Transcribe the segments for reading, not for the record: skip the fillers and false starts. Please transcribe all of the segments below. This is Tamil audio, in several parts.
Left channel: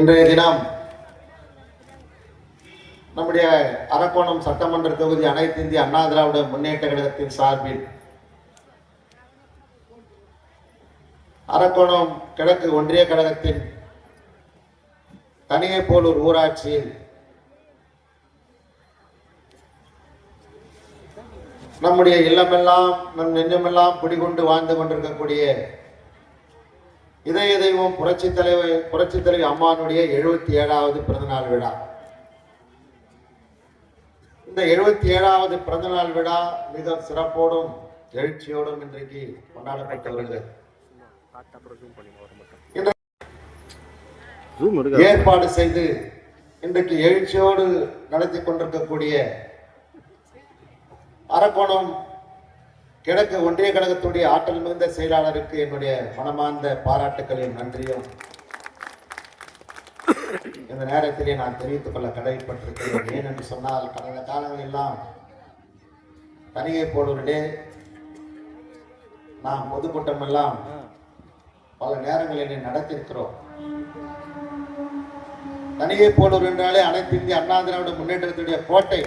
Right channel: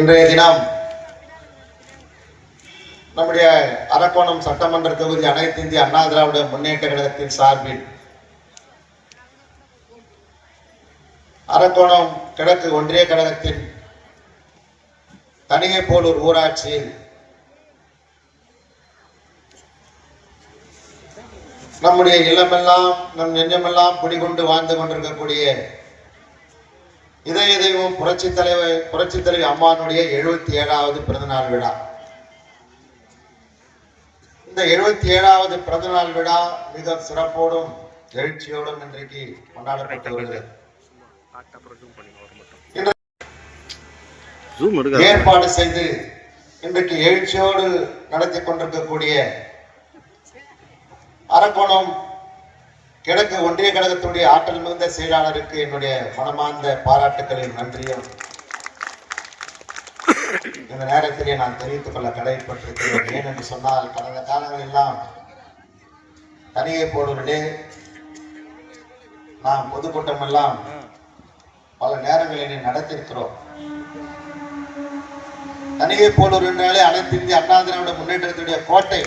இன்றைய தினம் நம்முடைய அரக்கோணம் சட்டமன்ற தொகுதி அனைத்து இந்திய அண்ணா திராவிட முன்னேற்ற கழகத்தின் சார்பில் அரக்கோணம் கிழக்கு ஒன்றிய கழகத்தின் கணிகைப்போலூர் ஊராட்சியில் நம்முடைய இல்லமெல்லாம் நம் நெஞ்சமெல்லாம் குடிகொண்டு வாழ்ந்து கொண்டிருக்கக்கூடிய இதய தெய்வம் புரட்சி தலைவி அம்மானுடைய 77வது பிறந்தநாள் விழா. இந்த 77வது பிறந்தநாள் விழா மிக சிறப்போடும் எழுச்சியோடும் இன்றைக்கு கொண்டாடப்பட்டு வருகிறது. ஏற்பாடு செய்து இன்றைக்கு எழுச்சியோடு நடத்தி கொண்டிருக்கக்கூடிய அரக்கோணம் கிழக்கு ஒன்றிய கழகத்துடைய ஆற்றல் மிகுந்த செயலாளருக்கு என்னுடைய மனமார்ந்த பாராட்டுக்களின் நன்றியும் இந்த நேரத்திலே நான் தெரிவித்துக் கொள்ள கடமைப்பட்டிருக்கிறேன். ஏன் என்று சொன்னால் கடந்த காலங்கள் எல்லாம் கணிகைப்போலூரிலே நாம் பொதுக்கூட்டம் எல்லாம் பல நேரங்களிலே நடத்தியிருக்கிறோம். கணிகைப்போலூர் என்றாலே அனைத்து இந்திய அண்ணா திராவிட முன்னேற்றத்துடைய கோட்டை.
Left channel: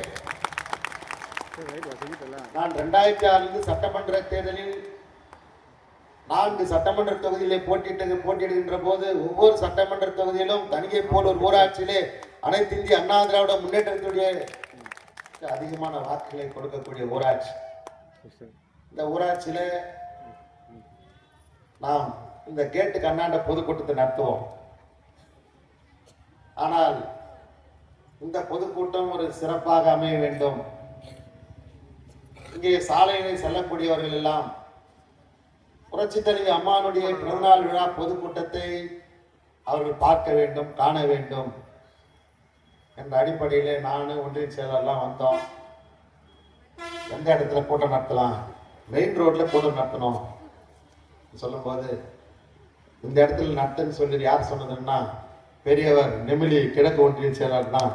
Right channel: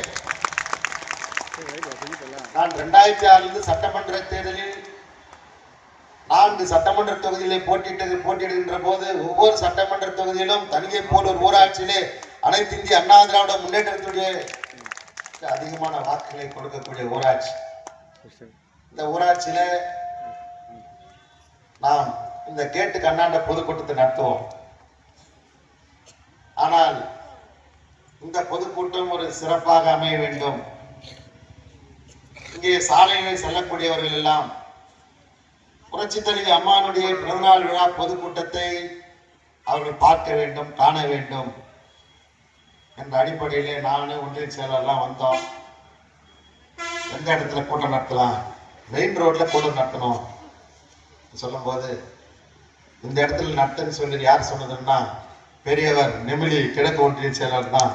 நான் 2006 சட்டமன்ற தேர்தலில் 4 சட்டமன்ற தொகுதிகளை போட்டியிடுகின்ற போது ஒவ்வொரு சட்டமன்ற தொகுதியிலும் கணிகைப்போலூர் ஊராட்சியிலே அனைத்து இந்திய அண்ணா திராவிட முன்னேற்றத்துடைய அதிகமான வாக்குகளை கொடுக்கக்கூடிய ஊராட்சி. இந்த ஊராட்சியில நாம் இந்த கேட்டுக்கு அண்ணாண்ட பொதுக்கூட்டத்தை நடத்துவோம். ஆனால் இந்த பொதுக்கூட்டம் ஒரு சிறப்பாக அமைய வேண்டும். இங்கே சாலைகளில் செல்லக்கூடியவர்கள் எல்லாம் புரட்சி தலைவி அம்மானுடைய பிறந்தநாள் விழா பொதுக்கூட்டத்தை அவர்கள் பார்க்க வேண்டும், காண வேண்டும் என்ற அடிப்படையிலே நானும் ஒன்றிய செயலர்லாம் வந்தோம். எந்த இடத்துல கூட்டம் நடத்தலாம், மெயின் ரோட்ல கூட்டம் நடத்தணும் சொல்லும் போது இந்த இடத்துல நடத்துன்னு சொல்லி யார் சொன்னதுன்னா பெரியவர் நெமிலி கிழக்கு ஒன்றிய செயலர் தான்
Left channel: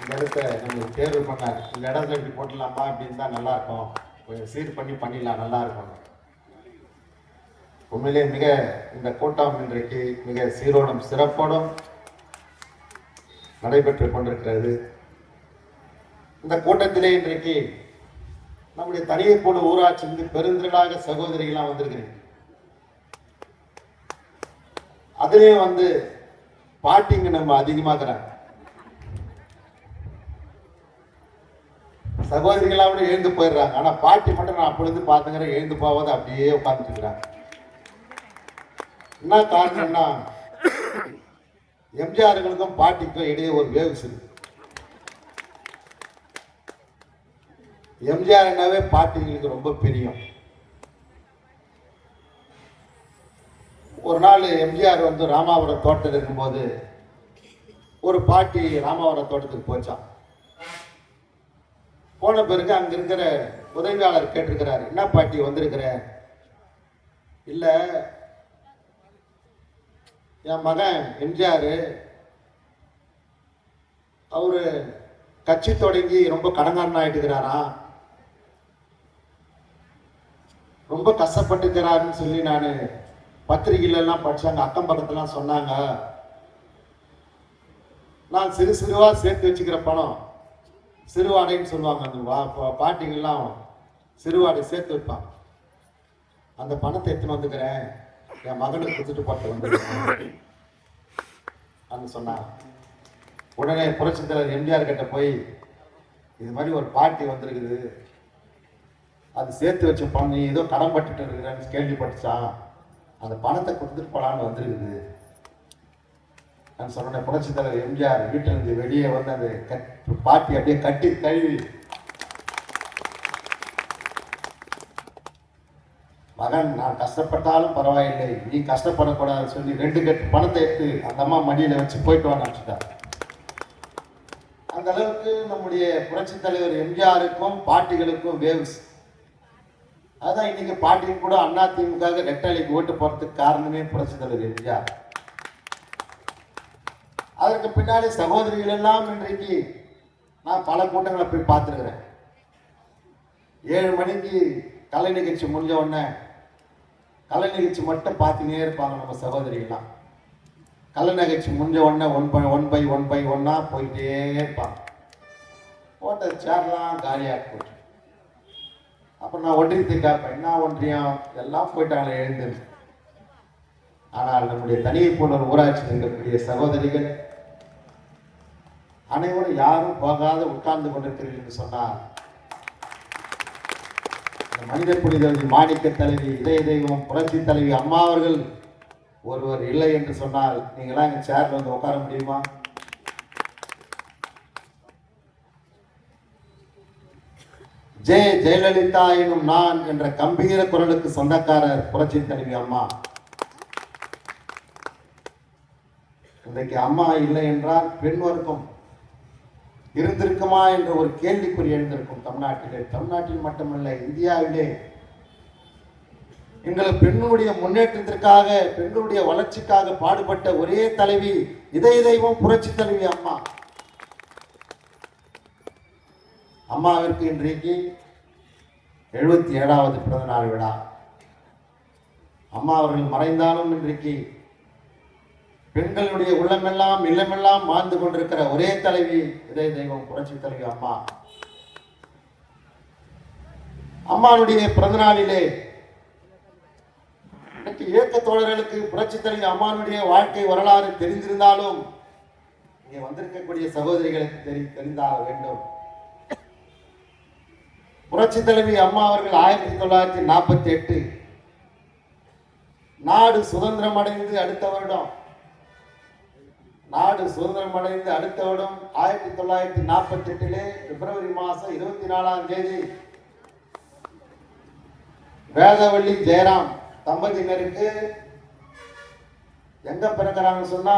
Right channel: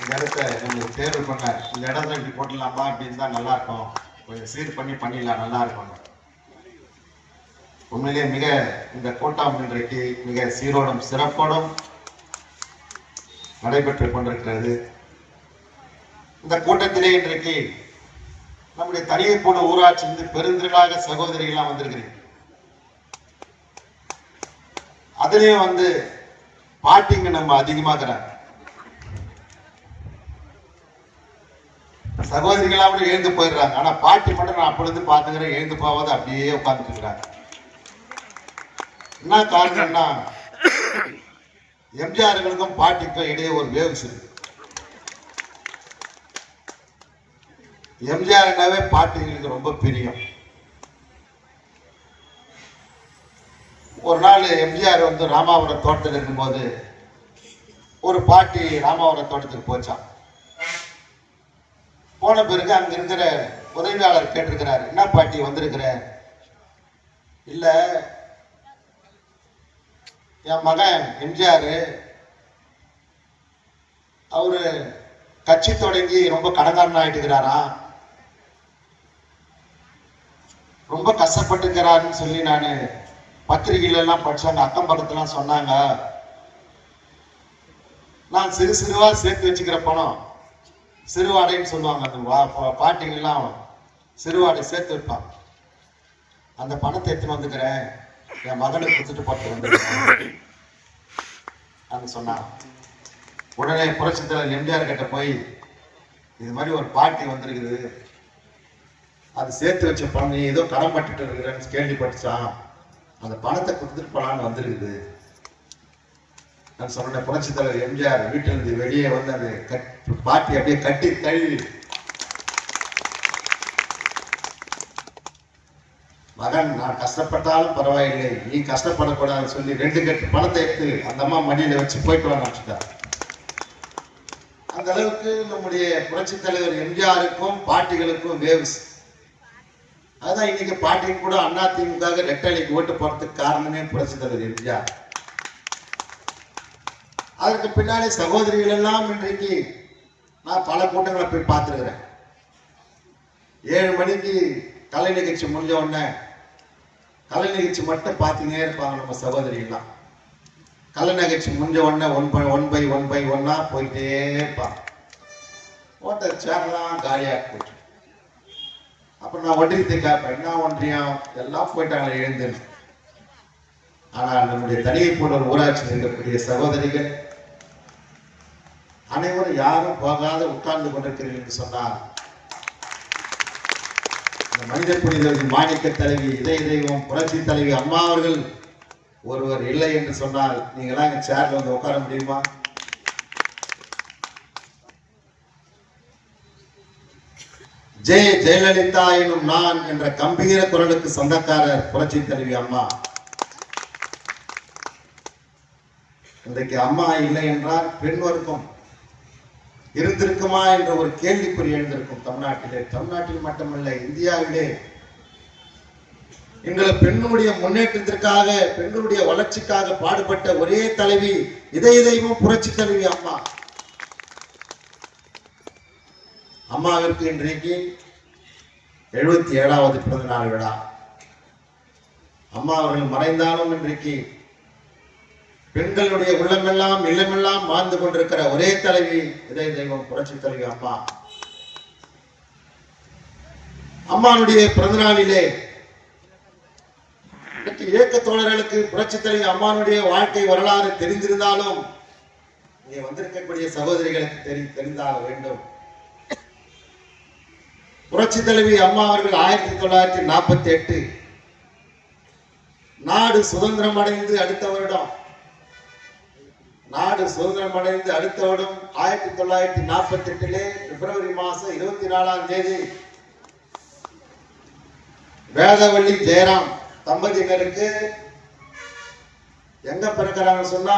இந்த இடத்த நம்மளுக்கு தேர்வு பண்ணார். இந்த இடத்துல இப்படி போட்டலாமா அப்படின்னு தான் நல்லா இருக்கும், கொஞ்சம் சீர் பண்ணிடலாம், நல்லா இருக்கும். உண்மையிலே மிக இந்த கூட்டம் இன்றைக்கு மிக சீரோடும் சிறப்போடும் நடைபெற்றுக் கொண்டிருக்கிறது. இந்த கூட்டத்திலே இன்றைக்கு நம்முடைய கணிகைப்போலூர் ஊராட்சி பெருந்திரளாக சகோதரிகள்லாம் வந்திருக்கிறீங்க. அதுலயும் பாட்டிங்க நம்ம அதிகமாக்குறாங்க. சகோதரிகளாவோட எழுந்து போயிடுறாங்க. ஆனா பாட்டி மட்டும் நான் அப்பொழுது பாத்துக்கிறேன், எழுந்து போவாத அப்படியே உட்கார்ந்துட்டு இருக்கிறாங்க. என்ன காரணம்னா எம்ஜிஆர்களுக்கும் பாட்டிக்கும் இடையே ஒரு வேவ்ஸ் இருக்கு. எம்ஜிஆர்னாவே பாட்டிங்களுக்கு ரொம்ப பிரியம். ஒரு நாள் எம்ஜிஆர் ராமாவரம் தோட்டத்தில் இருக்கும்போது ஒரு பாட்டி ராமாவரம் தோட்டத்துக்கு போச்சான். போன பிறகு அங்க இருக்கிற உதவியாளர் கேட்டிருக்கிறார், என்ன பாட்டி வந்திருக்கிற? இல்ல என் மகன் எம்ஜிஆர் அவரு கட்சி தொடங்கி ரொம்ப கடங்காரன் ஆயிட்டுக்கிறாராம், ரொம்ப கஷ்டப்பட்டுக்கிறாருன்னு சொல்லி நான் பத்திரிகையில எல்லாம் படிச்சாங்க, அக்கம் பக்கத்துலாம் சொன்னாங்க. நான் சிறு சிறுவா சேர்த்து வச்சுக்கிற பணம் சிறுவாடைன்னு சொல்லுவாங்க. அந்த பாட்டிங்கெல்லாம் சிறுவாடை சேர்த்து வைப்பான். அந்த பணத்தை எடுத்துன்னு வந்துக்கிறேன், என் மகனுக்கு கொடுத்துட்டு போட்டு சொன்னான். உடனே புரட்சி தலைவர் எம்ஜிஆர் கிட்ட போய் இது மாதிரி ஒரு பாட்டி வந்திருக்குது, அது சேர்த்து வச்ச பணம் நீ ஏதோ கடன் பட்டுட்டு இருக்கிறேன்னு கேள்விப்பட்டுச்சான், அந்த பணத்தை கொடுத்துட்டு போலான்னு வந்திருக்குது நான் சொன்ன. புரட்சி தலைவர் எம்ஜிஆர் வீட்டில் இருந்து வெளியே அந்த பாட்டி அப்படியே கட்டி தழுவி, மகன் நான் கஷ்டப்பட்டாலும் பரவாயில்லை, நீ கஷ்டப்படக்கூடாது சொல்லி 2 கட்டு பணத்தை எடுத்து அந்த அம்மா மடியில வச்சு போயிட்டு வாங்க. அந்த அளவுக்கு நம்முடைய புரட்சி தலைவர் எம்ஜிஆருக்கும் பாட்டிகளுக்கும் வேவ்ஸ். அதான் இன்னைக்கு பாட்டியும் கூட அதிமுக ரெட்டலைக்கு ஓட்டு போறதுக்கு காரணமே புரட்சி தலைவர் எம்ஜிஆர். அதற்கு பின்னாடி சகோதரிகள் எல்லாம் இன்றைக்கு நான் பல கூட்டங்களை போய் பார்த்துருக்கிறேன். 7 மணிக்கு கலை நிகழ்ச்சி முடிஞ்ச உடனே கலை நிகழ்ச்சி மட்டும் பார்த்துனே இருப்பாங்க நம்ம சகோதரிகள்லாம். கலை நிகழ்ச்சி முடிஞ்ச உடனே ஒன் பை ஒன்னா போயிட்டே இருப்பான். போட்ட சேர்லாம் காலியாக போச்சு. அப்புறம் நான் ஒன்றியத்தை கேட்பேன், என்ன ஒன்றியம் எல்லாம் போயிட்டாங்க எழுந்து. ஆனால் நம்முடைய தனியை போன்ற ஊராட்சியில் இருக்கக்கூடிய சகோதரிகள் அனைவரும் யாரும் போகாத உட்கார்ந்து கொண்டிருக்கிறீர்கள் என்று சொன்னார். மனித புனிதர் மாணிக்க தலைவி, இதய தெய்வம், புரட்சி தலைவி அம்மா அவர்கள் ஒருவர் இல்லை என்று சொன்னால் நீங்களா எங்க சேர்ல வந்து உட்கார முடியுமா? ஜெயலலிதா எனும் நான் என்ற கம்பீர குரலுக்கு சொந்தக்காரர் புரட்சி தலைவி அம்மா. இன்றைக்கு அம்மா இல்லை என்றால் பெண் வர்க்கம் இருந்திருக்குமா என்ற ஒரு கேள்விக்குறி எழுந்திருக்கும் தமிழ்நாட்டிலே. தமிழ்நாட்டில் மட்டுமல்ல, இந்தியாவிலே எங்களை பெண்ணுடைய முன்னேற்றத்திற்காக, பெண்களுடைய வளர்ச்சிக்காக பாடுபட்ட ஒரே தலைவி இதய தெய்வம் புரட்சி தலைவி அம்மா. அம்மாவிற்கு இன்றைக்கு 77வது பிறந்த நாள் விழா. அம்மா அவர்கள் மறைந்தாலும் இன்றைக்கு பெண்களுடைய உள்ளமெல்லாம் இல்லமெல்லாம் வாழ்ந்து கொண்டிருக்கிற ஒரே தலைவி இதய தெய்வம் புரட்சி தலைவி அம்மா. அம்மாவுடைய பிறந்த நாளிலே இயக்க தோழர்களுக்கு புரட்சி தலைவி அம்மாவுடைய வாழ்க்கை வரலாறு தெரிந்திருந்தாலும் இங்கே வந்திருக்கக்கூடிய சகோதரிகளுக்கு தெரிந்தாக வேண்டும். புரட்சி தலைவி அம்மா அவர்கள் 1948 நாடு சுதந்திரம் அடைந்து அடுத்த வருடம் 1948 பிப்ரவரி மாதம் 24ஆம் தேதி வேதவள்ளி ஜெயராம் தம்பதியினருக்கு எங்க பிறக்கிறாங்க சொன்னா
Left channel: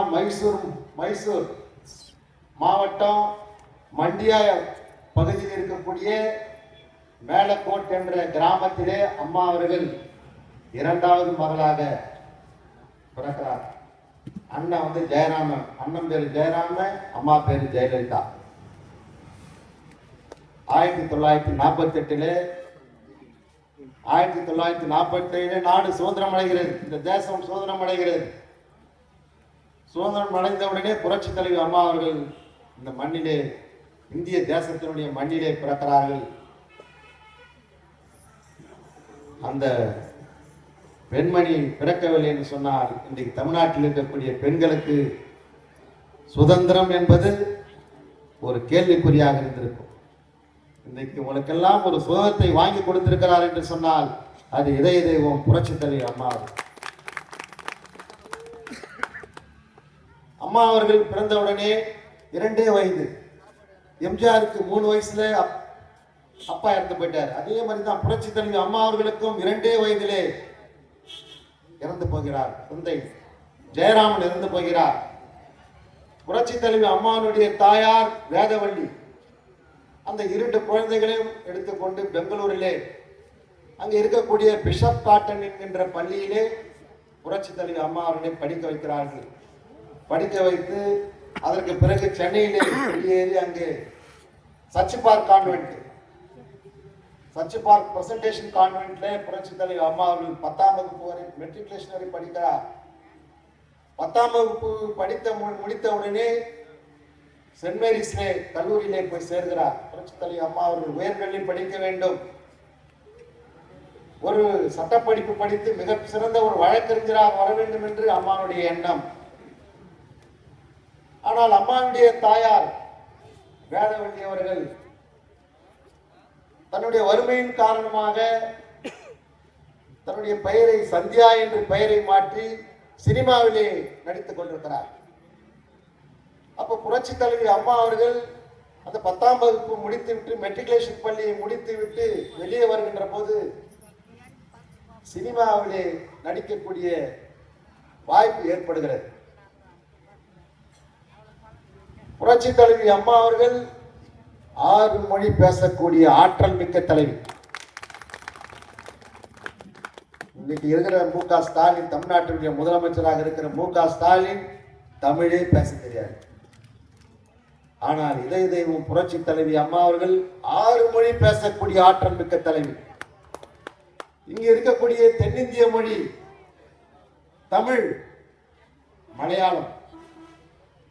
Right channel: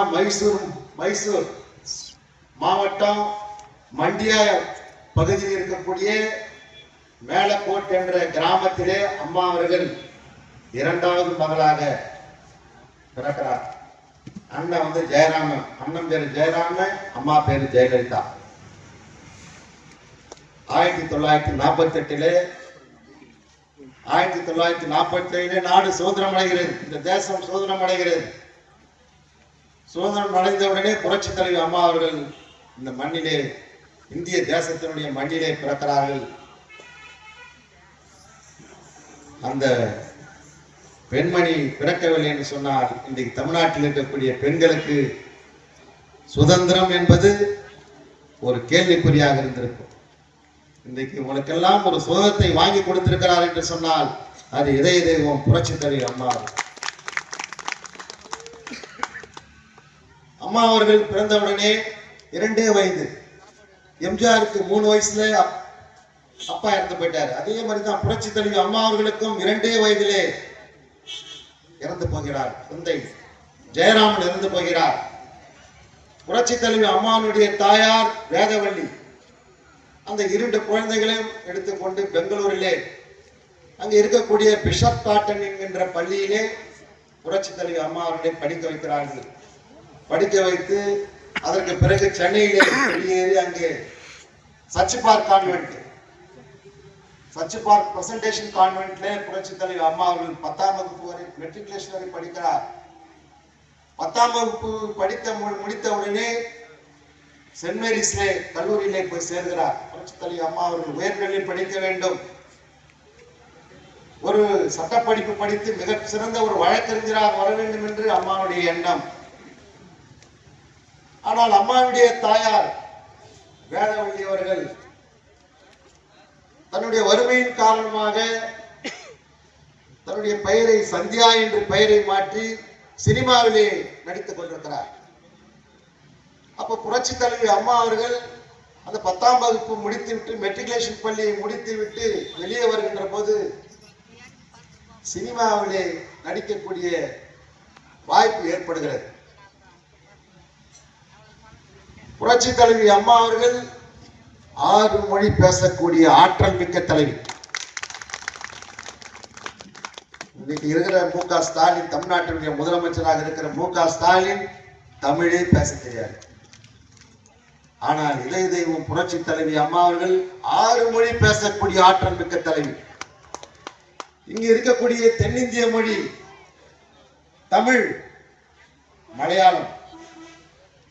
மைசூர் மாவட்டம் மண்டியா பகுதியில் இருக்கக்கூடிய மேலக்கோட் என்ற கிராமத்திலே அம்மா அவர்கள் 2வது மகளாக பிறக்கிறார். அண்ணன் வந்து ஜெயராமன், அண்ணன் பேரு ஜெயராமன், அம்மா பேரு ஜெயலலிதா. 1947 நாடு சுதந்திரம் அடைகிறது, இந்த தேசம் சுதந்திரம் அடைகிறது. சுதந்திரம் அடைந்த உடனே புரட்சி தலைவி அம்மா அவர்கள் இந்த மண்ணிலே, இந்திய தேசத்தினுடைய மண்ணிலே பிறக்கிறார்கள். அந்த பெண்மணி பிறக்கவில்லை என்று சொன்னால் இன்றைக்கு தமிழ்நாட்டில் இருக்கக்கூடிய பெண்களுக்கு சுதந்திரம் என்பது ஒரு கேள்விக்குறியாக இருந்திருக்கும். இன்றைக்கு உங்களுக்கெல்லாம் ஒரு சுதந்திரத்தை வாங்கி கொடுத்திருக்கிறார் என்று சொன்னால் அது இதய தெய்வம் புரட்சி தலைவி அம்மா. அம்மா அவர்கள் பிறந்தவுடனே 2 வயது, எம்ஜிஆருக்கு 3 வயசுல அப்பா இறந்து போயிட்டார். அதே மாதிரி தான் புரட்சி தலைவி அம்மா அவர்களுக்கும் 2 வயதிலே இறந்து போகிறார். தந்தை ஜெயராமன் இறந்து போகிறார். புரட்சி தலைவி அம்மாவுடைய தாயார் வேதவள்ளி அந்த 2 குழந்தைகளையும் எடுத்துக்கொண்டு பெங்களூரிலே அங்கே இருக்கக்கூடிய பிஷப் காட்டன் என்கின்ற பள்ளியிலே புரட்சி தலைவி அம்மா அவர்களை படிக்க வைக்கிறார்கள். படிக்க வைத்து அதற்கு பிறகு சென்னையிலே வெளியேறி அங்கே சச்சிபார்க் கான்வென்ட், சச்சிபார்க் பிரசன்டேஷன் கான்வென்ட்ல புரட்சி தலைவி அம்மா அவர்கள் 10ஆம் வகுப்பு வரை மெட்ரிகுலேஷன் வரை படிக்கிறார். 10ஆம் வகுப்பு முடித்த உடனே சென்ட் மேரிஸ்லே கல்லூரியிலே போய் சேர்கிறார். புரட்சி தலைவி அம்மா அவர்கள் உயர்கல்வி படிக்க வேண்டும், ஒரு சட்டப்படிப்பு படித்து மிக சிறந்த ஒரு வழக்கறிஞராக வர வேண்டும் என்று அம்மாவுடைய எண்ணம். ஆனால் அம்மாவுடைய தாயார் வேதவள்ளி அவர்கள் தன்னுடைய வறுமையின் காரணமாக தன்னுடைய பெயரை சந்தியா என்று பெயரை மாற்றி சினிமாவிலே நடித்துக் கொண்டிருக்கிறார். அப்ப புரட்சி தலைவி அம்மா அவர்கள் அந்த 10ஆம் வகுப்பு முடித்துவிட்டு மெட்ரிகுலேஷன் பள்ளியை முடித்துவிட்டு வெளியே வருகின்ற போது சினிமாவிலே நடிக்கக்கூடிய வாய்ப்பு ஏற்படுகிறது. புரட்சி தலைவி அம்மா அவர்கள் 6 மொழி பேசக்கூடிய ஆற்றல் மிக்க தலைவி. இன்னைக்கு இருக்கிற மு.க. ஸ்டாலின், தமிழ்நாட்டினுடைய முதலமைச்சராக இருக்கிற மு.க. ஸ்டாலின் தமிழே பேச தெரியாது. ஆனால் இதய தெய்வம் புரட்சி தலைவி அம்மா அவர்கள் 6 மொழி பேசக்கூடிய ஆற்றல் மிக்க தலைவி. இங்க இருக்கக்கூடிய தென்னிந்திய மொழி தமிழ், மலையாளம்,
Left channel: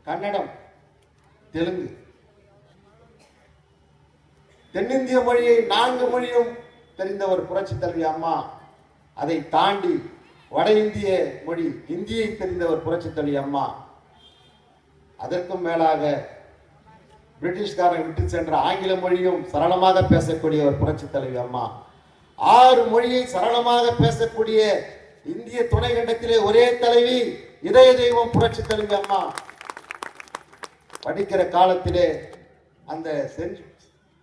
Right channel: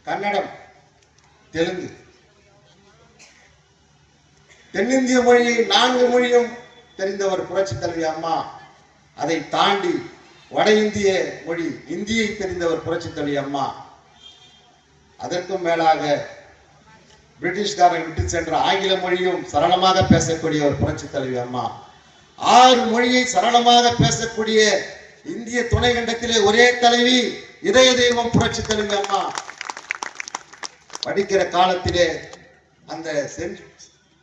கன்னடம், தெலுங்கு, தென்னிந்திய மொழியை 4 மொழியும் தெரிந்தவர் புரட்சி தலைவி அம்மா. அதை தாண்டி வட இந்திய மொழி இந்தியை தெரிந்தவர் புரட்சி தலைவி அம்மா. அதற்கும் மேலாக பிரிட்டிஷ்காரன் விட்டு சென்ற ஆங்கில மொழியும் சரளமாக பேசக்கூடியவர் புரட்சி தலைவி அம்மா. 6 மொழியை சரளமாக பேசக்கூடிய இந்திய துணை கண்டத்திலே ஒரே தலைவி இதய தெய்வம் புரட்சி தலைவி அம்மா. படிக்கிற காலத்திலே அந்த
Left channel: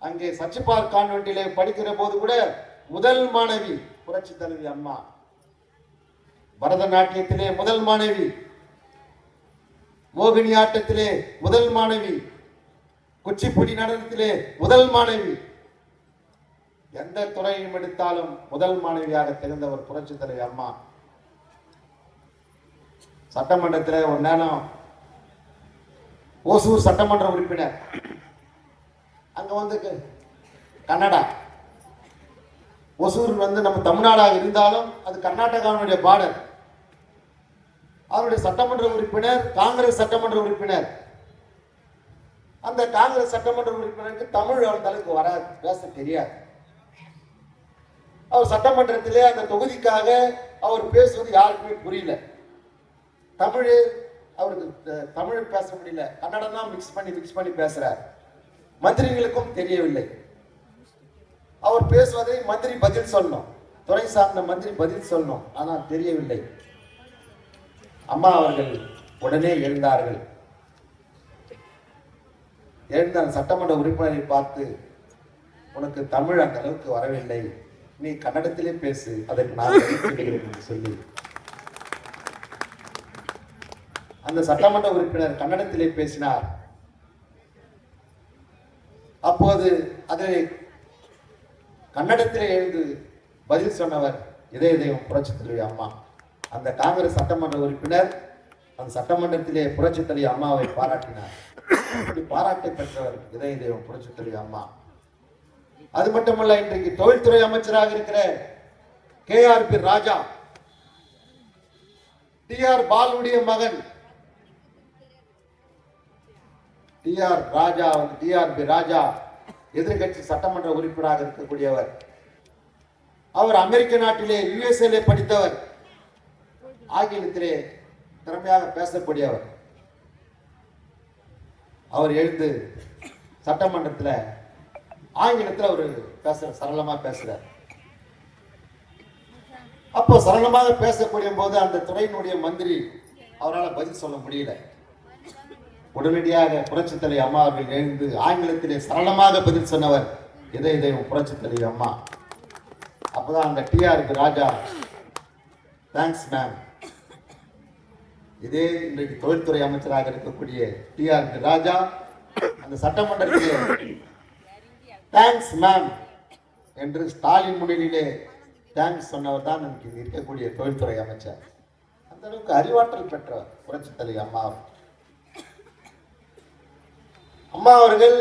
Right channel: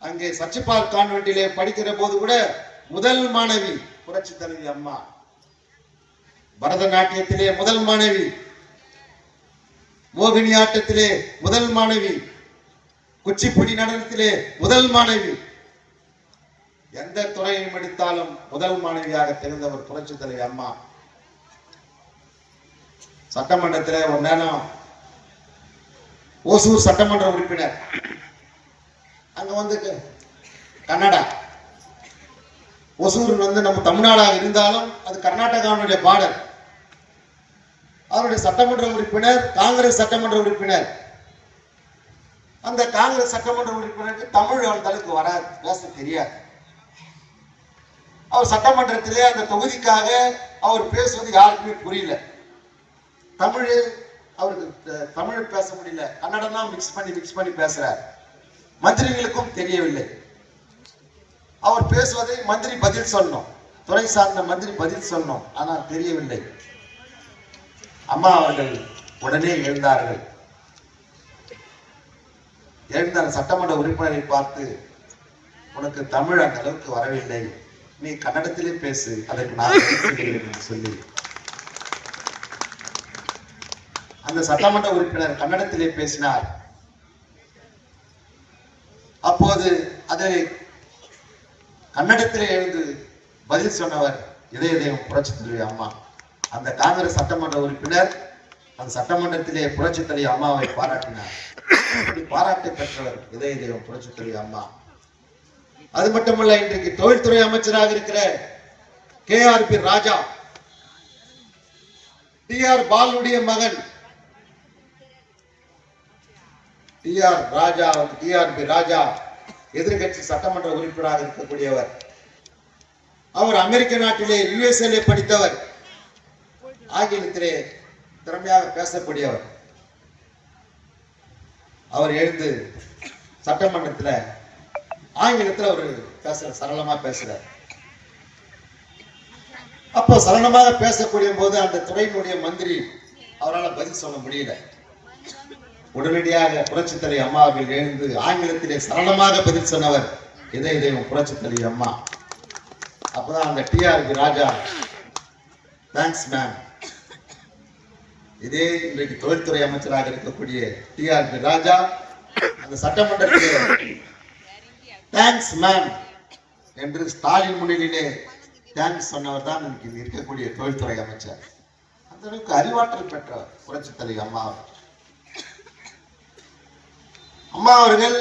அங்கே சச்சிபால் கான்வென்ட்டிலே படிக்கிற போது கூட முதல் மாணவி புரட்சி தலைவி அம்மா. பரதநாட்டியத்திலே முதல் மாணவி, மோகினி ஆட்டத்திலே முதல் மாணவி, குச்சிப்புடி நடனத்திலே முதல் மாணவி. எந்த துறையும் எடுத்தாலும் முதல் மாணவியாக தெரிந்தவர் புரட்சி தலைவி அம்மா. சட்டமன்றத்திலே ஒரு நேரம் ஓசூர் சட்டமன்ற உறுப்பினர், அங்க வந்து கன்னடா, ஒசூர் நம்ம தமிழ்நாடாக இருந்தாலும் அது கர்நாடகாவுடைய பார்டர். அவருடைய சட்டமன்ற உறுப்பினர் காங்கிரஸ் சட்டமன்ற உறுப்பினர். அந்த காங்கிரஸ் சட்டமன்ற உறுப்பினருக்கு தமிழ் அந்த அளவுக்கு வராது, பேச தெரியாது. அவர் சட்டமன்றத்திலே அந்த தொகுதிக்காக அவர் பேசுவது யாருக்குமே புரியல. அவருக்கு தமிழ் பேச முடியல, கன்னடம் தான் மிக்ஸ் பண்ணி பேசுறார். மந்திரிகளுக்கும் தெரியவில்லை. அவர் பேசுவதை மந்திரி பதில் சொல்லணும், துறை சார்ந்த மந்திரி பதில் சொல்லணும், ஆனால் தெரியவில்லை. அம்மா அவர்கள் உடனே எழுந்தார்கள். எழுந்த சட்டமன்ற உறுப்பினரை பார்த்து, உனக்கு தமிழ் அந்த அளவுக்கு வரவில்லை, நீ கன்னடத்திலே பேசு, அதற்கு நான் சொல்லி அந்த சட்டமன்ற உறுப்பினர் கன்னடத்திலே பேசினார். அப்போது அதை கன்னடத்திலே எழுந்து பதில் சொன்னவர் இதய தெய்வம் புரட்சி தலைவி அம்மா. அந்த காங்கிரஸ் சட்டமன்ற உறுப்பினர் அந்த சட்டமன்றத்திலே புரட்சி தலைவி அம்மாவை பாராட்டினார். பாராட்டு பெற்றவர் இதய தெய்வம் புரட்சி தலைவி அம்மா. அது மட்டுமல்ல, இன்றைக்கு தொழில்துறை அமைச்சராக இருக்கிற KRP ராஜா, TR பாலுடைய மகன் TRP ராஜா எதிர்கட்சி சட்டமன்ற உறுப்பினராக இருக்கக்கூடியவர். அவர் அமெரிக்க நாட்டிலே USA படித்தவர், ஆங்கிலத்திலே திறமையாக பேசக்கூடியவர். அவர் எழுந்து சட்டமன்றத்தில் ஆங்கிலத்தில் அவர் சரளமா பேசுறார். அப்போ சரளமாக பேசக்கூடிய போது அந்த துறையினுடைய மந்திரி அவரால் பதில் சொல்ல முடியல. உடனடியாக புரட்சி தலைவி அம்மா அவர்கள் எழுந்து ஆங்கிலத்திலே சரளமாக பதில் சொன்னவர் இதய தெய்வம் புரட்சி தலைவி அம்மா. அப்பதான் அந்த TRP ராஜா, தேங்க்ஸ் மேம். இதே இன்றைக்கு தொழில்துறை அமைச்சராக இருக்கக்கூடிய TRP ராஜா அந்த சட்டமன்றத்திலே தேங்க்ஸ் மேம் என்று ஸ்டாலின் முன்னிலையிலே தேங்க்ஸ் சொன்னவர் தான் இன்னைக்கு இருக்கக்கூடிய தொழில்துறை அமைச்சர். அந்த அளவுக்கு அறிவாற்றல் பெற்ற புரட்சி தலைவி அம்மா. அம்மா அவர்கள்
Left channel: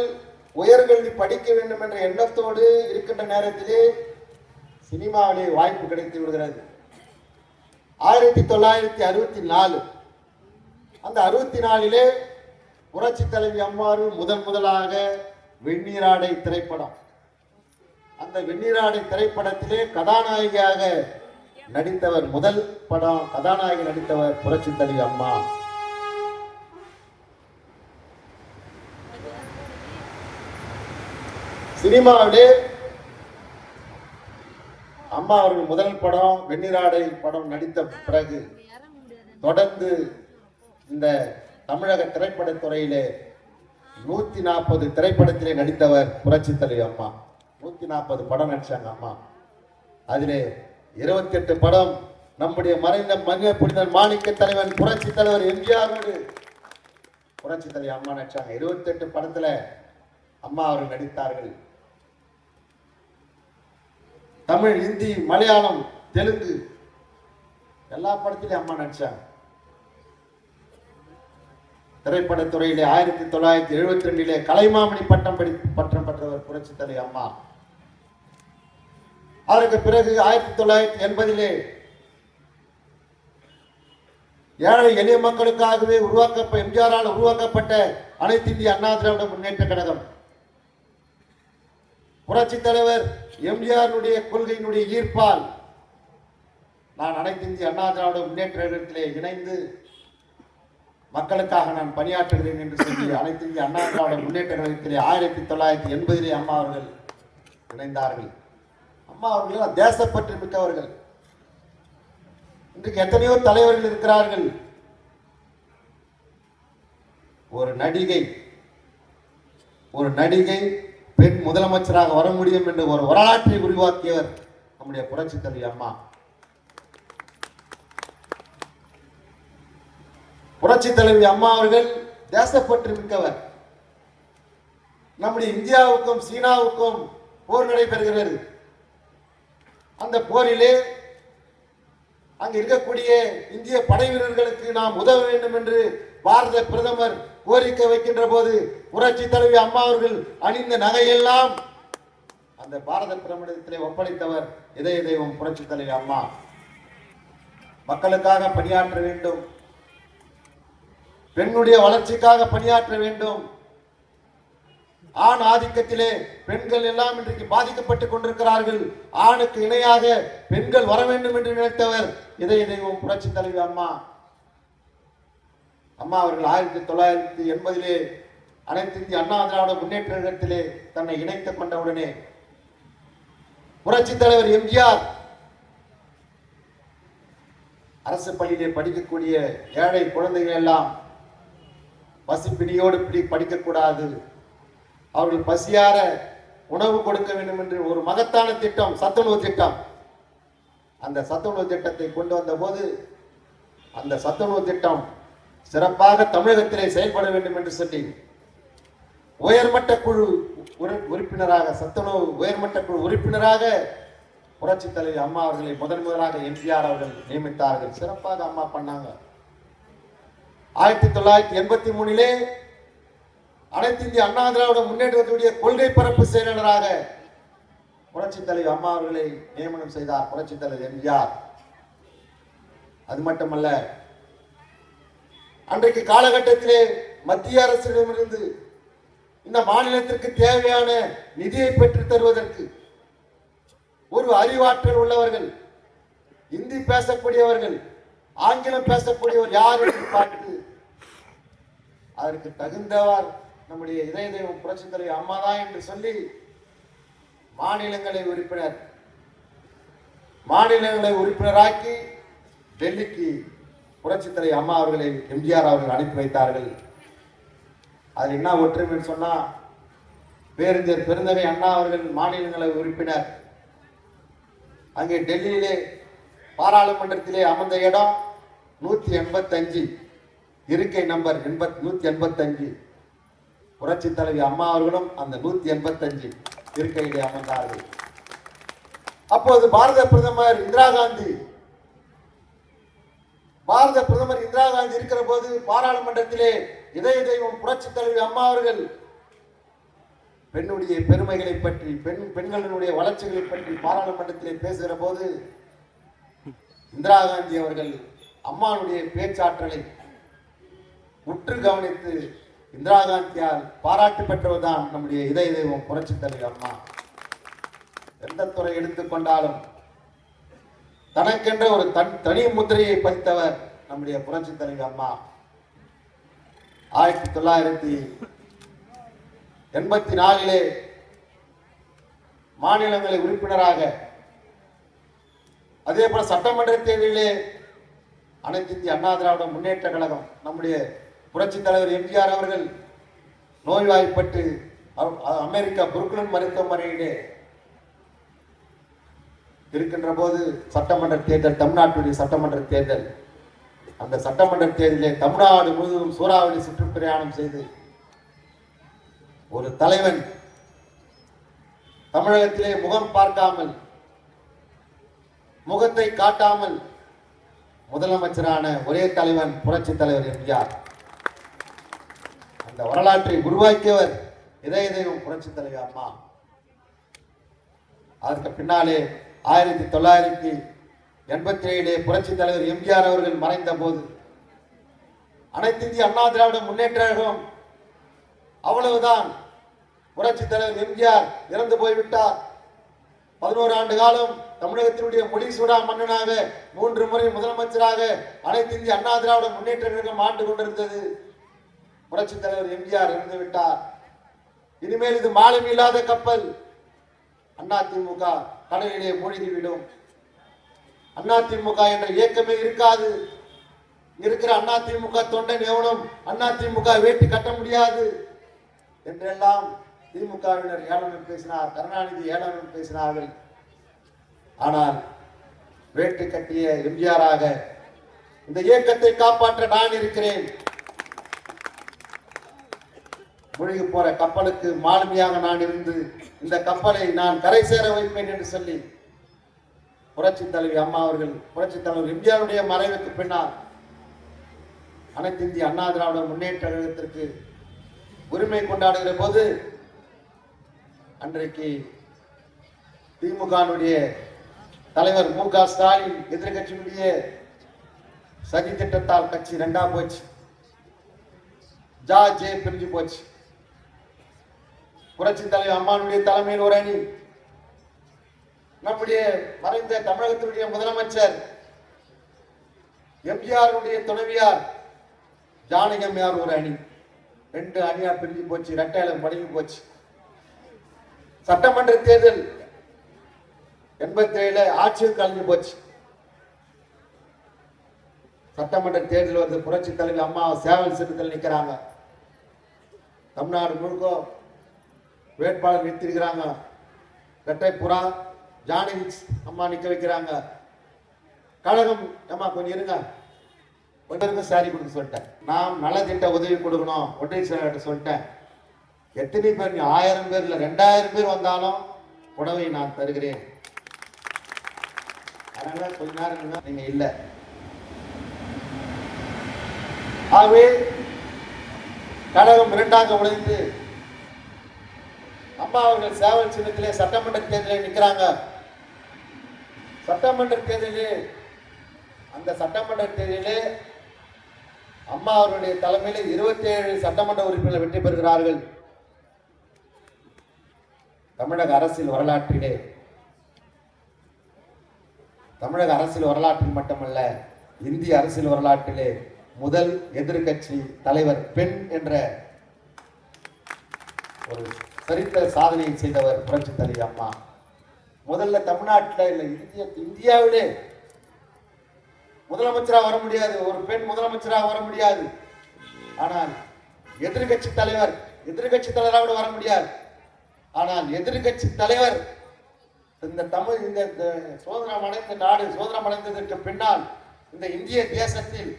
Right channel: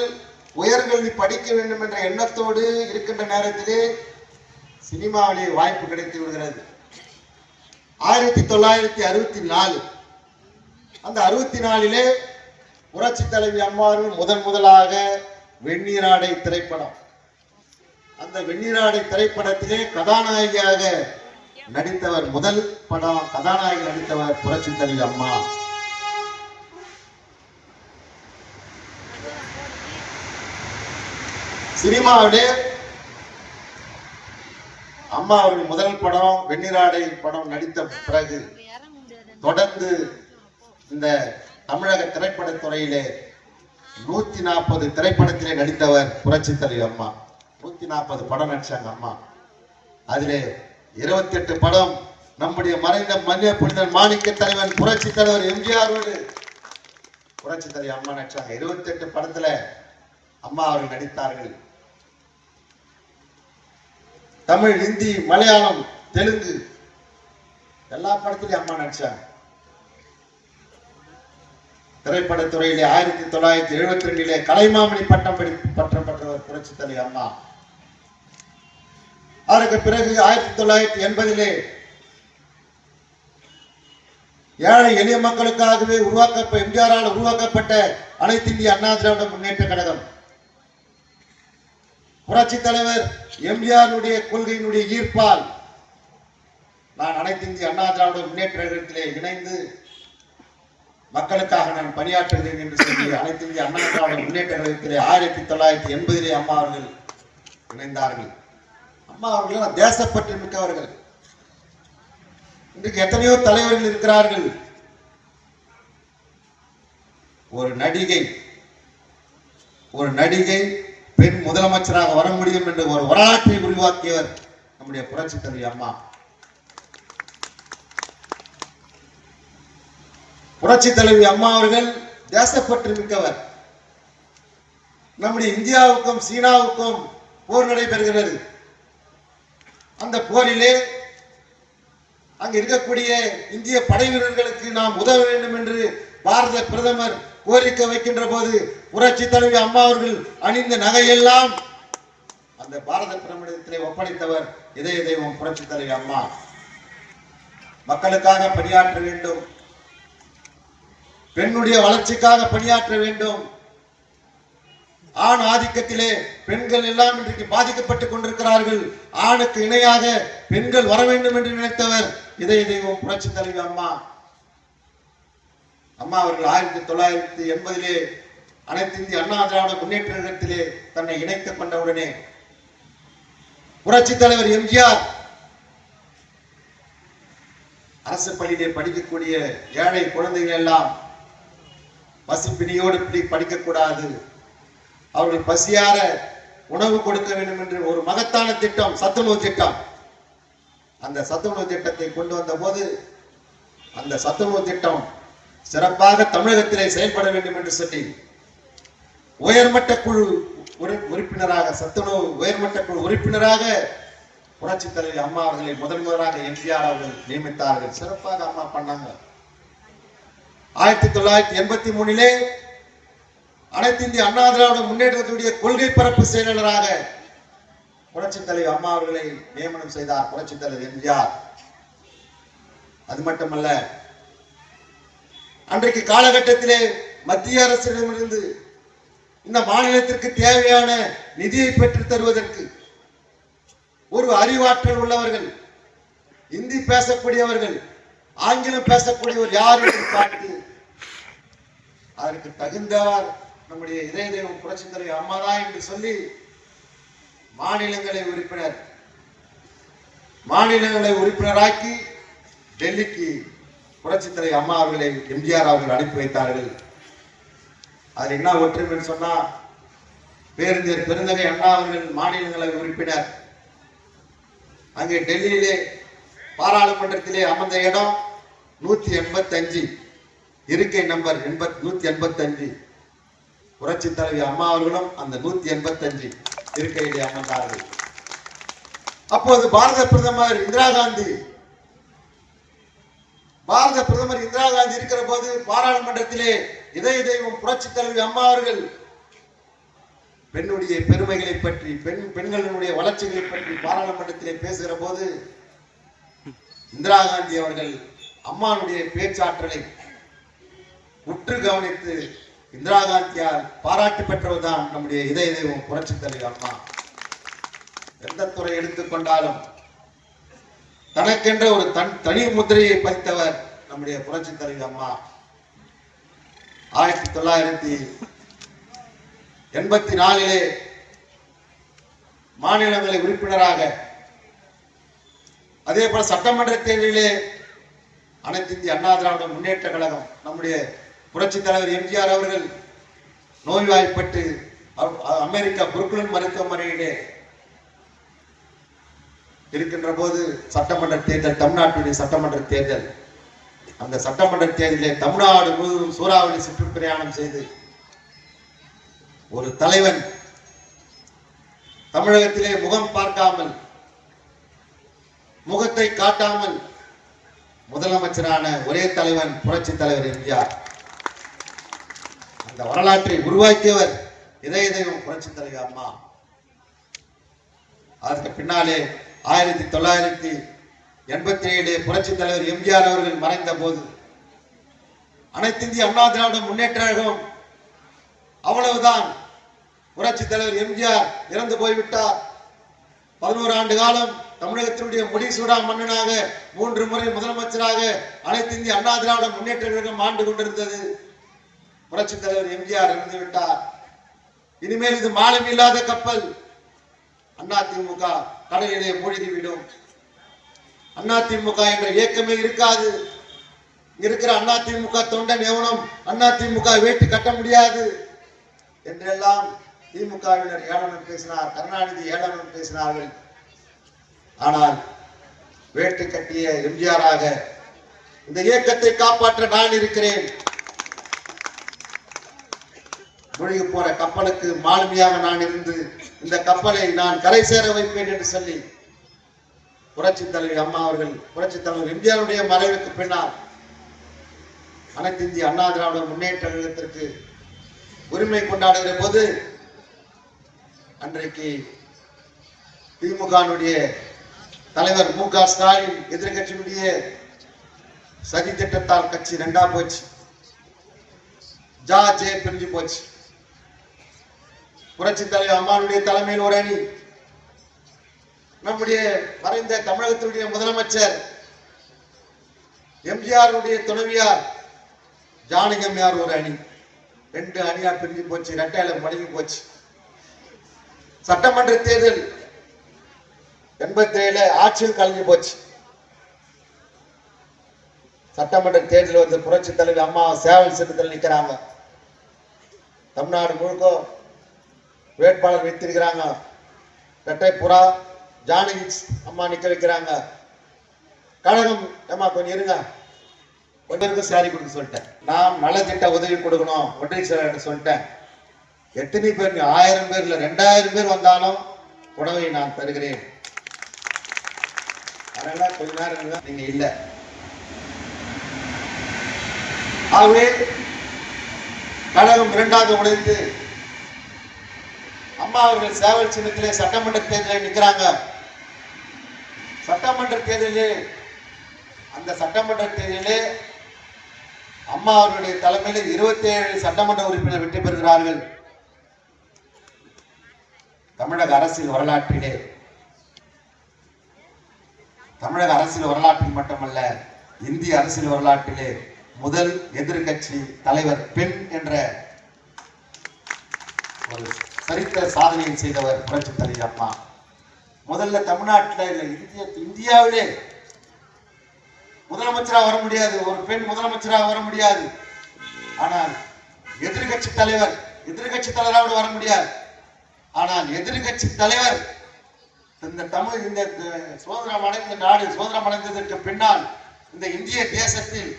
உயர்கல்வி படிக்க வேண்டும் என்ற எண்ணத்தோடு இருக்கின்ற நேரத்திலே சினிமாவிலே வாய்ப்பு கிடைத்து விடுகிறது. 1964 அந்த 64 புரட்சி தலைவி அம்மா அவர்கள் முதலாக வெந்நீராடை திரைப்படம், அந்த வெந்நீராடை திரைப்படத்திலே கதாநாயகியாக நடித்தவர், முதல் படம் கதாநாயகி நடித்தவர் புரட்சி தலைவி அம்மா. சினிமாவிலே அம்மா அவர்கள் முதல் படம் வெந்நீராடை படம் நடித்த பிறகு தொடர்ந்து இந்த தமிழக திரைப்படத்துறையிலே 140 திரைப்படத்திலே நடித்தவர் புரட்சி தலைவி அம்மா. 140 படம் நடிச்சாங்க அம்மா. அதிலே 28 படம் நம்முடைய மறைந்த மன்னிய புனிதர் மாணிக்க தலைவன் புரட்சி தலைவர் எம்ஜிஆரோடு புரட்சி தலைவி அம்மா நடிச்சாங்க. 28 படத்துல அம்மா அவர்கள் நடித்தார்கள். தமிழ், ஹிந்தி, மலையாளம், தெலுங்கு எல்லா படத்திலையும் அம்மா நடிச்சாங்க. திரைப்படத்துறையிலே 1972 கலைமாமணி பட்டம் பெற்றவர் புரட்சி தலைவி அம்மா. அதற்கு பிறகு 1980 ஏழை எளிய மக்களுக்காகவே எம்ஜிஆரால் உருவாக்கப்பட்ட அனைத்து இந்திய அண்ணா திராவிட முன்னேற்ற கழகம் புரட்சி தலைவர் எம்ஜிஆருடைய கொள்கையினுடைய ஈர்ப்பால் நான் அனைத்து இந்திய அண்ணா திராவிட முன்னேற்ற கழகத்திலே இணைந்து மக்களுக்காக நான் பணியாற்றுகிறேன் என்று சொல்லி அனைத்து இந்திய அண்ணா திராவிட முன்னேற்ற கழகத்திலே 1980 அம்மா அவர்கள் இணைந்தார்கள். அம்மா அவர்கள் தேசப்பற்று மிக்கவர்கள். இன்றைக்கு எத்தனையோ தலைவர்கள் இருக்கிறார்கள். ஒரு நடிகை பெண் முதலமைச்சராக வர முடியும் என்று ஒரு வரலாற்றை உருவாக்கியவர் நம்முடைய புரட்சி தலைவி அம்மா. புரட்சி தலைவி அம்மா அவர்கள் தேசப்பற்று மிக்கவர். நம்முடைய இந்தியாவுக்கும் சீனாவுக்கும் போர் நடைபெறுகிறது. அந்த போரிலே அங்கு இருக்கக்கூடிய இந்திய படை வீரர்களுக்கு நாம் உதவ வேண்டும் என்று பாரத பிரதமர் கோரிக்கை வைக்கின்ற போது புரட்சி தலைவி அம்மா அவர்கள் அணிந்த நகையெல்லாம் அந்த பாரத பிரதமரிடத்திலே ஒப்படைத்தவர் இதய தெய்வம் புரட்சி தலைவி அம்மா. மக்களுக்காக பணியாற்ற வேண்டும், பெண்ணுடைய வளர்ச்சிக்காக பணியாற்ற வேண்டும். ஆண் ஆதிக்கத்திலே பெண்கள் எல்லாம் இன்றைக்கு பாதிக்கப்பட்டுக் கொண்டிருக்கிறார்கள். ஆணுக்கு இணையாக பெண்கள் வர வேண்டும் என்று நினைத்தவர் இதய தெய்வம் புரட்சி தலைவி அம்மா. அம்மா அவர்கள் 1980 அனைத்து இந்திய அண்ணா திராவிட முன்னேற்ற கழகத்திலே தன்னை இணைத்துக் கொண்டவுடனே புரட்சி தலைவர் எம்ஜிஆர் அரசு பள்ளியிலே படிக்கக்கூடிய ஏழை குழந்தைகள் எல்லாம் பசிப்பிணியோடு படிக்கக்கூடாது, அவர்கள் பசியார உணவு கொடுக்க வேண்டும் என்று ஒரு மகத்தான திட்டம், சத்துணவு திட்டம். அந்த சத்துணவு திட்டத்தை கொண்டு வந்த போது அந்த சத்துணவு திட்டம் சிறப்பாக தமிழகத்திலே செயல்பட வேண்டும் என்று சொல்லி உயர்மட்ட குழு உறுப்பினராக சத்துணவு உயர்மட்ட குழு உறுப்பினராக புரட்சி தலைவி அம்மா அவர்களை முதன்முதலாக எம்ஜிஆர் அவர்கள் நியமித்தார்கள். சிறப்பாக அம்மா பண்ணாங்க. 1983 அனைத்து இந்திய அண்ணா திராவிட முன்னேற்றத்துடைய கொள்கை பரப்பு செயலாளராக புரட்சி தலைவி அம்மா அவர்களை நியமனம் செய்தார் புரட்சி தலைவர் எம்ஜிஆர். அது மட்டுமல்ல, அன்றைக்கு காலகட்டத்திலே மத்திய அரசிடமிருந்து இந்த மாநிலத்திற்கு தேவையான நிதியை பெற்றுத் தருவதற்கு ஒரு அறிவாற்றல் உள்ளவர்கள், இந்தி பேசக்கூடியவர்கள், ஆங்கிலம் பேசக்கூடியவர் யார் என்று பார்த்து அதற்கு தகுந்தவர் நம்முடைய இதய தெய்வம் புரட்சி தலைவி அம்மா தான் என்று சொல்லி மாநிலங்களை உறுப்பினராக்கி டெல்லிக்கு புரட்சி தலைவி அம்மா அவர்களை எம்ஜிஆர் அவர்கள் அனுப்பி வைத்தார்கள். அதில் என்ன ஒற்றுமை சொன்னா, பேருந்தர் பெருந்தகை அண்ணா அவர்கள் மாநிலங்களை உறுப்பினர். அங்கே டெல்லியிலே பாராளுமன்றத்திலே அமர்ந்த இடம் 185, இருக்கை நம்பர் 185. புரட்சி தலைவி அம்மா அவர்களும் அந்த 185 இருக்கையிலே அமர்ந்தார்கள். அப்போது பாரத பிரதமர் இந்திரா காந்தி இருக்கிற போது பாராளுமன்றத்திலே இதய தெய்வம் புரட்சி தலைவி அம்மா அவர்கள் பெண்ணுடைய பெருமைகளை பற்றி, பெண்களுடைய வளர்ச்சிகளை பற்றி பாராளுமன்றத்திலே பேசுகிற போது இந்திரா காந்தி அவர்கள் அம்மாவுடைய பேச்சாற்றலை உற்று கவனித்து இந்திரா காந்தியால் பாராட்டு பெற்றவர்தான் நம்முடைய இதய தெய்வம் புரட்சி தலைவி அம்மா. எந்த துறை எடுத்துக்கொண்டாலும் தனக்கென்ற ஒரு தனி முத்திரையை பதித்தவர் நம்முடைய புரட்சி தலைவி அம்மா. 1984 மாநிலங்களை உறுப்பினராக, அதே போல சட்டமன்ற தேர்தலிலே அனைத்து இந்திய அண்ணா திராவிட முன்னேற்ற கழகம் நம்முடைய புரட்சி தலைவர் எம்ஜிஆர் அவர்கள் நோய்வாய்ப்பட்டு அமெரிக்கா புருக்லின் மருத்துவமனையிலே இருக்கின்ற போது சட்டமன்ற தேர்தல், தமிழ்நாட்டுடைய சட்டமன்ற தேர்தல், அந்த சட்டமன்ற தேர்தலிலே தமிழ்நாடு முழுவதும் சூறாவளி சுற்றுப்பிரயாணம் செய்து ஒரு தலைவன் தமிழகத்திலே முகம் பார்க்காமல், முகத்தை காட்டாமல் முதலமைச்சரான ஒரே தலைவன் புரட்சி தலைவர் எம்ஜிஆர். அந்த வரலாற்றை உருவாக்கியவர் இதய தெய்வம் புரட்சி தலைவி அம்மா. அதற்கு பின்னாலே 1987 புரட்சி தலைவர் எம்ஜிஆர் அவர்கள் மறைந்த போது அனைத்து இந்திய அண்ணா திராவிட முன்னேற்ற கழகம் அவ்வளவுதான். புரட்சி தலைவர் எம்ஜிஆர் இறந்து போய்விட்டார். 11 ஆண்டு காலம் தமிழகத்தினுடைய முடிசூடா மன்னனாக 3 முறை முதலமைச்சராக அனைத்து இந்திய அண்ணா திராவிட முன்னேற்ற கழகம் ஆண்டு கொண்டிருந்தது. புரட்சி தலைவர் எம்ஜிஆர் இறந்து விட்டார். இனிமேல் இது மாலம் இல்லாத கப்பல். அதிமுக கடலிலே மூழ்கிவிடும். அதிமுக என்ற இயக்கமே இருக்காது. இருக்கிற அதிமுக தொண்டன் எவனும் அதிமுக வேட்டி கட்ட முடியாது என்றெல்லாம் திமுகவினர் ஏளனம் பேசினார். கருணாநிதி ஏளனம் பேசினார்கள். ஆனால் வேட்டு கட்டிய எம்ஜிஆராக இந்த இயக்கத்தை காப்பாற்ற நான் இருக்கிறேன். மூழ்கி போற கப்பலுக்கு மாலுமியாக நான் இருந்து இந்த கப்பலை நான் கரை சேர வைப்பேன் என்று சொல்லி புரட்சி தலைவி அம்மா அவர்கள் புரட்சி தலைவர் எம்ஜிஆருடைய மறைவுக்கு பின்னால் அனைத்து இந்திய அண்ணா திராவிட முன்னேற்ற கழகத்திற்கு உரிமை கொண்டாடுகிற போது அன்றைக்கு திமுகவுடைய தலைவர் மு.க. ஸ்டாலின் எதிர்கட்சியினுடைய சதி திட்டத்தால் கட்சி 2ஆ போச்சு. ஜே பிரிஞ்சு போச்சு. புரட்சி தலைவர் அம்மாவுடைய தலைமையில் ஒரு அணி, நம்முடைய மறைந்த தமிழகத்தினுடைய முதலமைச்சர் எம்ஜிஆருடைய துணைவியார் ஜானகி அம்மையார் ஒரு அணி, 2 அணியா பிரிஞ்சு போச்சு. இரட்டையில மடிவு போச்சு. சட்டமன்ற தேர்தல் 87 ஆட்சியில் கலைஞ்சு போச்சு. சட்டமன்ற தேர்தல் வந்து புரட்சி தலைவி அம்மா சேவல் சின்னத்தில் நிற்கிறாங்க. தமிழ்நாடு முழுக்க வேட்பாளர் வைத்திருக்கிறாங்க. இரட்டை புறா ஜானகி அம்மா நிக்க வைக்கிறாங்க. கழகம் அம்மா கொஞ்சம் இருங்க, ஒருவருக்கும் சாரி கொடுக்க சொல்லிட்டேன். நான் நலத்திட்ட உதவி கொடுக்கணும் ஒன்றிய செயலாளர் சொல்லிட்டேன். எத்தனை பேர் 1000 பேர் இல்ல 2000 பேர் வந்தாலும் உணவை நான் தருகிறேன். அதனால கொஞ்ச நேரம் நீங்க இல்ல. ஆகவே கழகம் 2ஆக உடைந்து அம்மா அவர்கள் சேவல் சின்னத்திலே சட்டமன்ற தேர்தலில் நிற்கிறாங்க. சட்டமன்ற தேர்தலிலே அந்த சட்டமன்ற தேர்தலிலே அம்மா அவர்களுடைய தலைமையில் 27 சட்டமன்ற உறுப்பினர் வெற்றி பெறுகிறார்கள். தமிழக அரசியல் வரலாற்றிலே, தமிழக அரசியல் வரலாற்றில் மட்டுமல்ல இந்திய அரசியல் வரலாற்றிலே முதல் எதிர்கட்சி தலைவர் பெண் என்ற ஒரு சரித்திர சாதனையை செய்தவர் புரட்சி தலைவி அம்மா. முதல்ல தமிழ்நாட்டில் இல்லை, இந்தியாவிலே முதலமைச்சராக வர முடியாது, ஒரு பெண் முதலமைச்சராக வர முடியாது. ஆனால் எதிர்கட்சி தலைவராக வர முடியாது. ஆனால் எதிர்கட்சி தலைவர் இந்த சுதந்திரம் அடைந்த நாடு சுதந்திரம் அடைந்ததற்கு பின்னால் இந்த இந்திய தேசத்தில்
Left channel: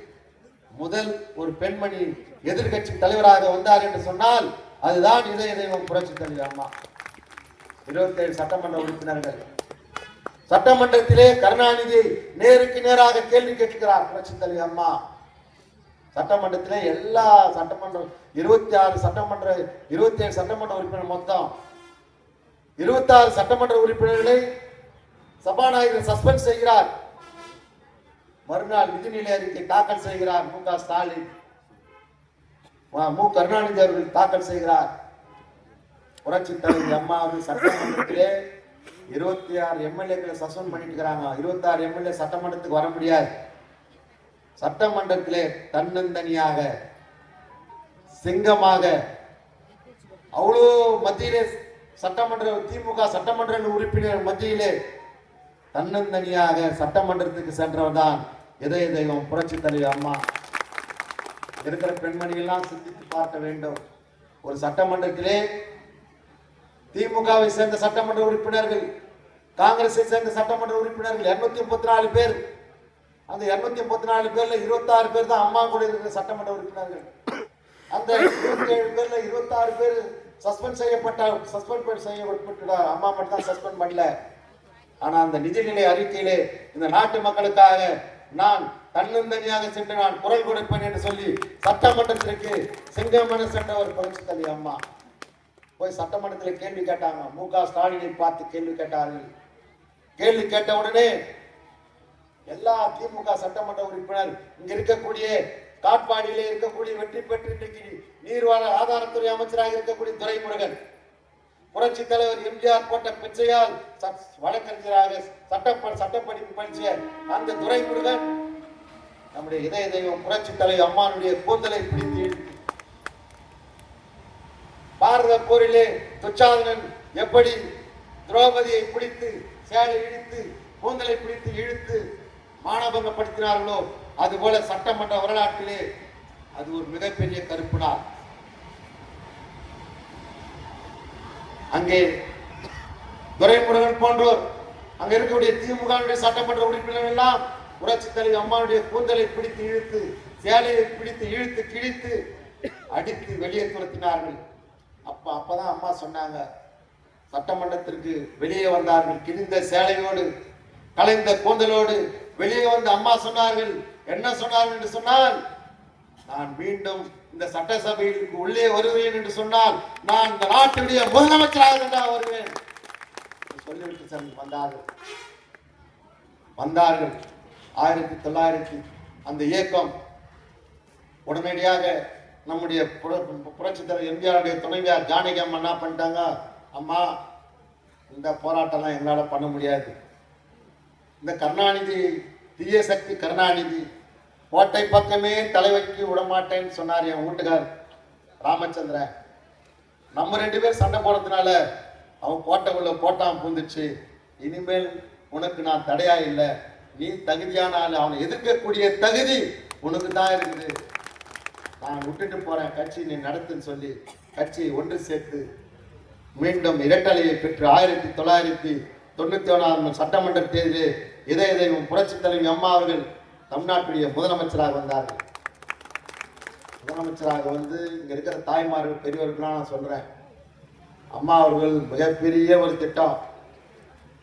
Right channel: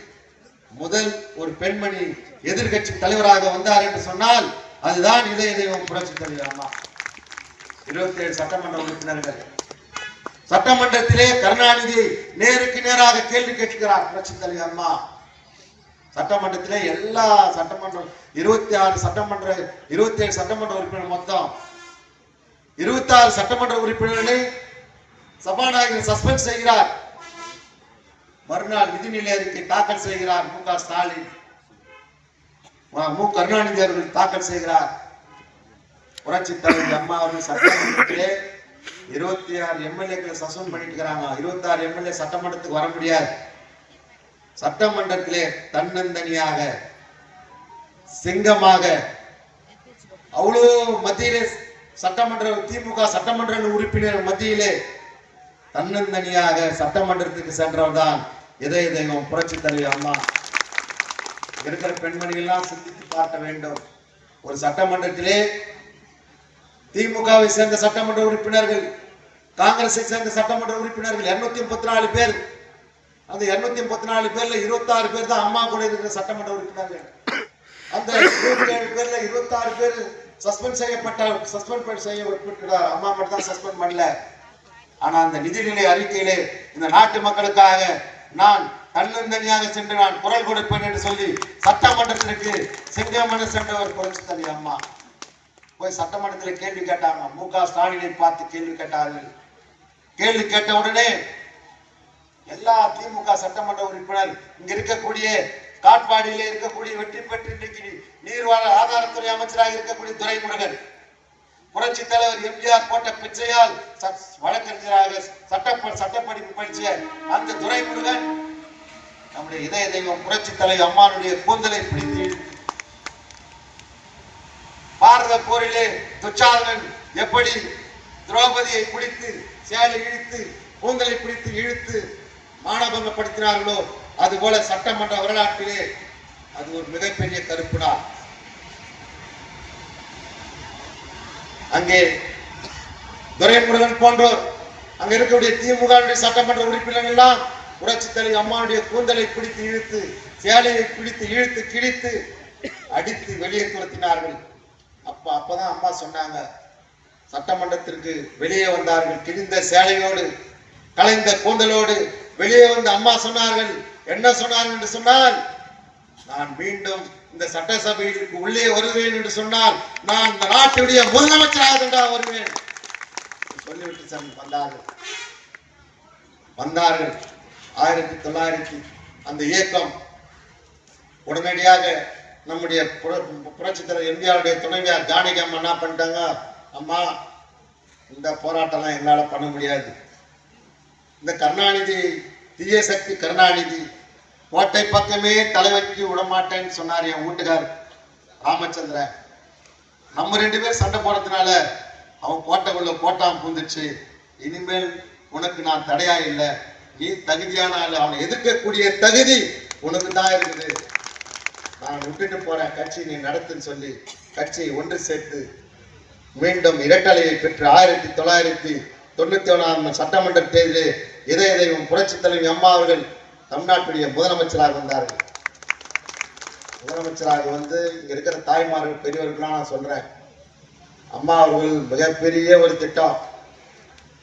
முதல் ஒரு பெண்மணி எதிர்கட்சி தலைவராக வந்தார் என்று சொன்னால் அதுதான் இதய தெய்வம் புரட்சி தலைவி அம்மா. 27 சட்டமன்ற உறுப்பினர்கள். சட்டமன்றத்திலே கருணாநிதி நேருக்கு நேராக கேள்வி கேட்கிறார் புரட்சி தலைவி அம்மா. சட்டமன்றத்திலே எல்லா சட்டமன்றம் 27 சட்டமன்ற உறுப்பினர் மொத்தம் 26 சட்டமன்ற உறுப்பினர்களை சபாநாயகர் சஸ்பெண்ட் செய்கிறார். மறுநாள் நிதிநிலை அறிக்கை தாக்கல் செய்கிறார் மு.க. ஸ்டாலின். கருணாநிதி அவர்கள் தாக்கல் செய்கிறார். புரட்சி தலைவி அம்மா அவர்கள் சட்டமன்றத்திலே 26 எம்எல்ஏக்களை சஸ்பெண்ட் பண்ணிட்டு இருக்கிறாங்க. 26 எம்எல்ஏ சட்டமன்றத்துக்கு வர முடியாது. சட்டமன்றத்திலே தன்னந்தனியாக சிங்கமாக அவ்வளவு மத்தியிலே திமுக சட்டமன்ற உறுப்பினர் மத்தியிலே தன்னந்தனியாக சட்டமன்றத்துக்கு சென்றவர் தான் இதய தெய்வம் புரட்சி தலைவி அம்மா. இருக்கிற பெண்மணிகள்லாம் சிந்தித்து பார்க்க வேண்டும். ஒரு சட்டமன்றத்திலே திமுகவை சேர்ந்த சட்டமன்ற உறுப்பினர்கள், காங்கிரஸை சேர்ந்த சட்டமன்ற உறுப்பினர்கள் 234 பேர். அந்த 234 பேர்ல 26 பேர் தான் அம்மா கூட இருக்கிற சட்டமன்ற உறுப்பினர்கள். அந்த 27 பேர்ல 26 பேர் சஸ்பெண்ட் செய்யப்பட்டார். அம்மா மட்டும் தான் சஸ்பெண்ட் பண்ணல. ஆனா அந்த நிதிநிலை அறிக்கையிலே இந்த நாட்டு மக்களுக்காக நான் தன்னந்தனியாக சென்று நான் குரல் கொடுப்பேன் என்று சொல்லி சட்டமன்றத்திற்கு சிங்கமன சென்றவர் புரட்சி தலைவி அம்மா. போய் சட்டமன்றத்தில் கேள்வி கேட்டாங்க. மு.க. ஸ்டாலினை பார்த்து கேள்வி கேட்டார்கள். கேள்வி கேட்ட உடனே எல்லா திமுக சட்டமன்ற உறுப்பினர், இங்க இருக்கக்கூடிய காட்பாடியிலே இருக்கக்கூடிய வெற்றி பெற்று இன்றைக்கு நீர்வாழ ஆதாரத்துறை அமைச்சராக இருக்கக்கூடிய துரைமுருகன், புரட்சி தலைவர் எம்ஜிஆர் போட்ட பிச்சையால் வழக்கறிஞராக சட்டப்படிப்பு படிச்ச அந்த துரைமுருகன் நம்முடைய இதய தெய்வம் புரட்சி தலைவர் அம்மானுடைய கூந்தலை பிடித்து பாரத போரிலே துச்சாதனன் எப்படி திரௌபதியை பிடித்து சேலை இழுத்து கூந்தலை பிடித்து இழுத்து மானபங்கப்படுத்தினார்களோ அதுபோல சட்டமன்ற வரலாற்றிலே அது ஒரு மிகப்பெரிய கருப்புடா. அங்கே துரைமுருகன் போன்றோர் அங்க இருக்கக்கூடிய திமுக சட்டமன்ற உறுப்பினர்கள் எல்லாம் புரட்சி தலைவர் அம்மாவுடைய கூந்தலை பிடித்து இழுத்து சேலையை பிடித்து இழுத்து கிழித்து அடித்து வெளியே துரத்தினார்கள். அப்பதான் அம்மா சொன்னாங்க, சட்டமன்றத்திற்கு வெளியே வந்தார்கள் கிழிந்த சேலையோடு கலைந்த கூந்தலோடு வெளியே வந்து அம்மா சொன்னார்கள். என்ன சொன்னார்கள் என்று சொன்னால், நான் மீண்டும் இந்த சட்டசபைக்கு உள்ளே வருவேன் என்று சொன்னால் நான் இந்த நாட்டுடைய முதலமைச்சராக தான் வருவேன் சொல்லிவிட்டு வந்தார்கள். 1900 அந்த இயக்கம் உடனடியாக நம்முடைய புரட்சி தலைவர் எம்ஜிஆருடைய துணைவியார் ஜானகி அம்மா என்ன பண்ணிட்டாங்க, அம்மா இந்த போராட்டம் எங்களால பண்ண முடியாது, இந்த கருணாநிதி தீய சக்தி கருணாநிதி கோட்டை பக்கமே தலைவைக்கு விடமாட்டேன்னு சொன்னார் என் வீட்டுக்கார் ராமச்சந்திரன். நம்ம 2 பேர் சண்டை போடுறதுனால அவன் கோட்டைக்குள்ள கோட்டாம் பூந்துச்சு, இனிமேல் உனக்கு நான் தடையா இல்லை, நீ தகுதியான ஆள், அவனை எதிர்க்கக்கூடிய தகுதி உனக்கு தான் இருக்குது, நான் விட்டுட்டு போறேன், கட்சி நீ நடத்துன்னு சொல்லி கட்சியை ஒன்று சேர்த்து மீண்டும் இரட்டலையை பெற்று 1997 சட்டமன்ற தேர்தலில் இதய தெய்வம் புரட்சி தலைவி அம்மா அவர்கள் தமிழ்நாட்டுடைய முதலமைச்சராக வந்தார்கள். முதலமைச்சராக வந்து இங்க இருக்கிற தாய்மார்கள் பெரியவர்களாம் நான் சொல்றேன், அம்மா அவர்கள் மிகப்பெரிய ஒரு திட்டம்,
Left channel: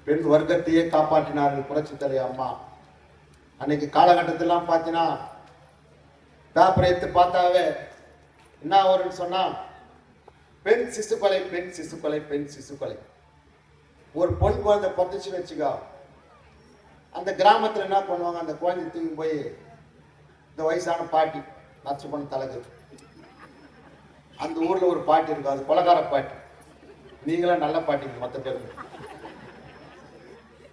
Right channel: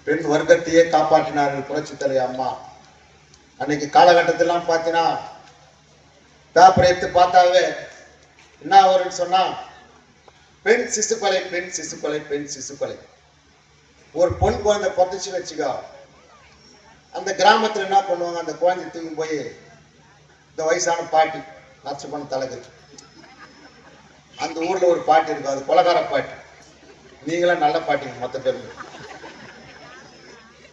பெண் வர்க்கத்தையே காப்பாற்றினார்கள் புரட்சி தலைவி அம்மா. அன்னைக்கு காலகட்டத்திலாம் பார்த்தீங்கன்னா பேப்பரை எடுத்து பார்த்தாவே என்ன வரும்னு சொன்னா, பெண் சிசு கொலை, பெண் சிசு கொலை, பெண் சிசு கொலை. ஒரு பொன் குழந்தை பிறந்துச்சு வச்சுக்கோ, அந்த கிராமத்துல என்ன பண்ணுவாங்க, அந்த குழந்தை தூக்கி போய் இந்த வயசான பாட்டி நச்சு பண்ண தலகு, அந்த ஊர்ல ஒரு பாட்டி இருக்கு, அது கொலகார பாட்டி, நீங்களாம் நல்ல பாட்டி மொத்த பேருக்கு.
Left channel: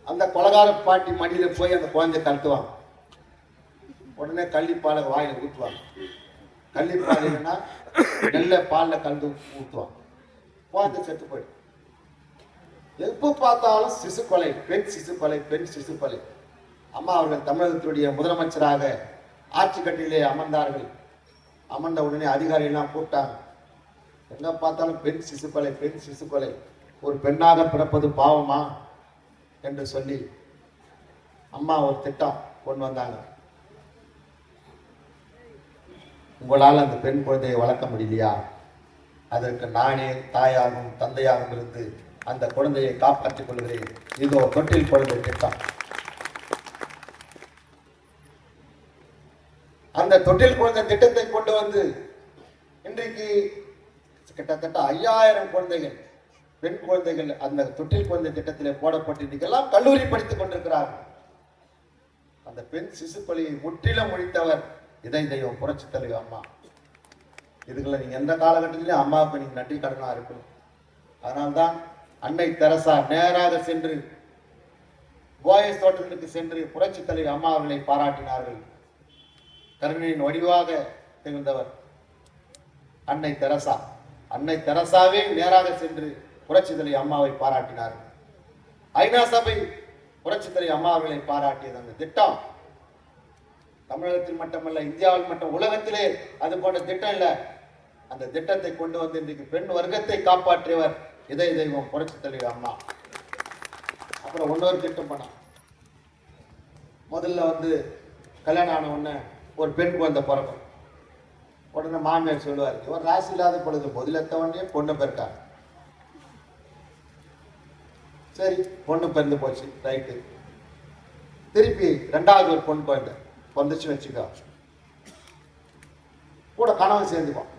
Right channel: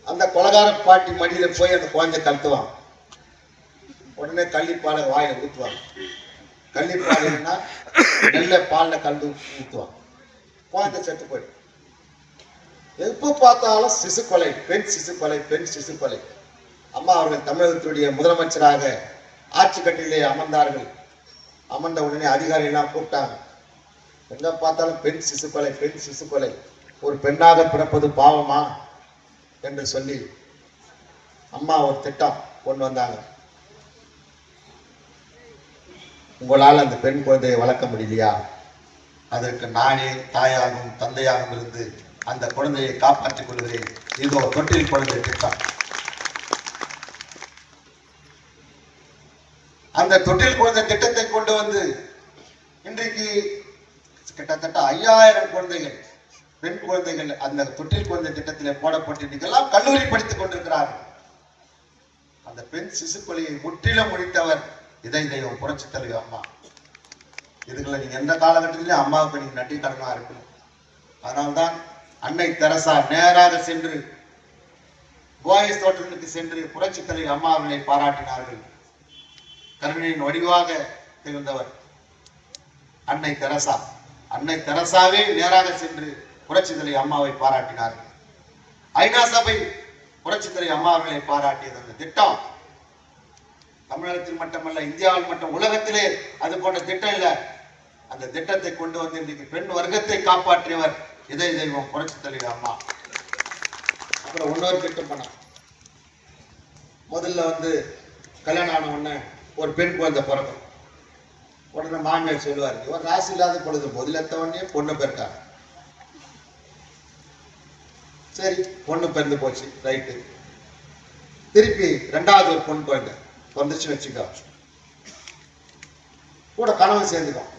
அந்த கொலகார பாட்டி மடியில போய் அந்த குழந்தை கழுத்துவாங்க, உடனே கள்ளிப்பாலை வாயில ஊற்றுவாங்க. கள்ளிப்பாலைன்னா நெல்ல பால்ல கலந்து ஊற்றுவாங்க, குழந்தை செத்து போயிடும். எப்ப பார்த்தாலும் சிசு கொலை, பெண் சிசு கொலை, பெண் சிசு கொலை. அம்மா அவர்கள் தமிழகத்துடைய முதலமைச்சராக ஆட்சி கட்டிலே அமர்ந்தார்கள். அமர்ந்த உடனே அதிகாரிகள்லாம் கூப்பிட்டாங்க, எங்க பார்த்தாலும் பெண் சிசு கொலை, பெண் சிசு கொலை, ஒரு பெண்ணாக பிறப்பது பாவமா என்று சொல்லி அம்மா ஒரு திட்டம் கொண்டு வந்தாங்க. உங்களால் அந்த பெண் குழந்தையை வளர்க்க முடியலையா, அதற்கு நானே தாயாகவும் தந்தையாகவும் இருந்து அந்த குழந்தையை காப்பாற்றிக் கொள்கிறேன், இதோ தொட்டில் குழந்தை திட்டம். அந்த தொட்டில் குழந்தை திட்டத்தை கொண்டு வந்து இன்றைக்கு கிட்டத்தட்ட 5000 குழந்தைகள், பெண் குழந்தைகள் அந்த தொட்டில் குழந்தை திட்டத்திலே போடப்பட்டு இன்னைக்கெல்லாம் கல்லூரி படித்துக் கொண்டிருக்கிறார்கள். அந்த பெண் சிசு கொலையை முற்றிலும் முடித்தவர் இதய தெய்வம் புரட்சி தலைவி அம்மா. இதுகளை நீங்க எந்த காலகட்டத்திலேயும் அம்மாவுக்கு நீங்க நன்றி கடனா இருக்கணும். அதனால்தான் அன்னை தெரசா நேராக சென்று போயஸ் தோட்டத்திற்கு சென்று புரட்சி தலைவி அம்மா அவர்களை பாராட்டினார்கள். கருணையின் வடிவாக திகழ்ந்தவர் அன்னை தெரசா. அன்னை தெரசாவே நேராக சென்று புரட்சி தலைவி அம்மாவை பாராட்டினார்கள். ஐநா சபை புரட்சி தலைவி அம்மா அவர்களை பாராட்டியது. அந்த திட்டம் தமிழகத்தில் மட்டுமல்ல, இந்தியாவில் மட்டும் உலகத்திலே அது போன்ற திட்டம் இல்லை. அந்த திட்டத்தை கொண்டு வந்து இன்றைக்கு பெண் வர்க்கத்தை காப்பாற்றியவர் இதய தெய்வம் புரட்சி தலைவி அம்மா. அப்புறம் இன்னொரு திட்டம் பண்ண, முதல்ல வந்து கல்யாணம் ஆன உடனே ஒரு பெண் குழந்தை பிறக்கும். உடனே மாமியார் சொல்லுவார், இவர் ராசி இல்லாத பொழுது முதலெத்த உடனே பொண்ணு பிறக்காங்க. சரி, பொண்ணு பிறந்து போச்சு, ரைட்டு. திருப்பி 2வது ஒரு பொண்ணு குழந்தை வந்துச்சு வச்சுக்கோ, கூட கணவன் சேர்ந்துக்கும்.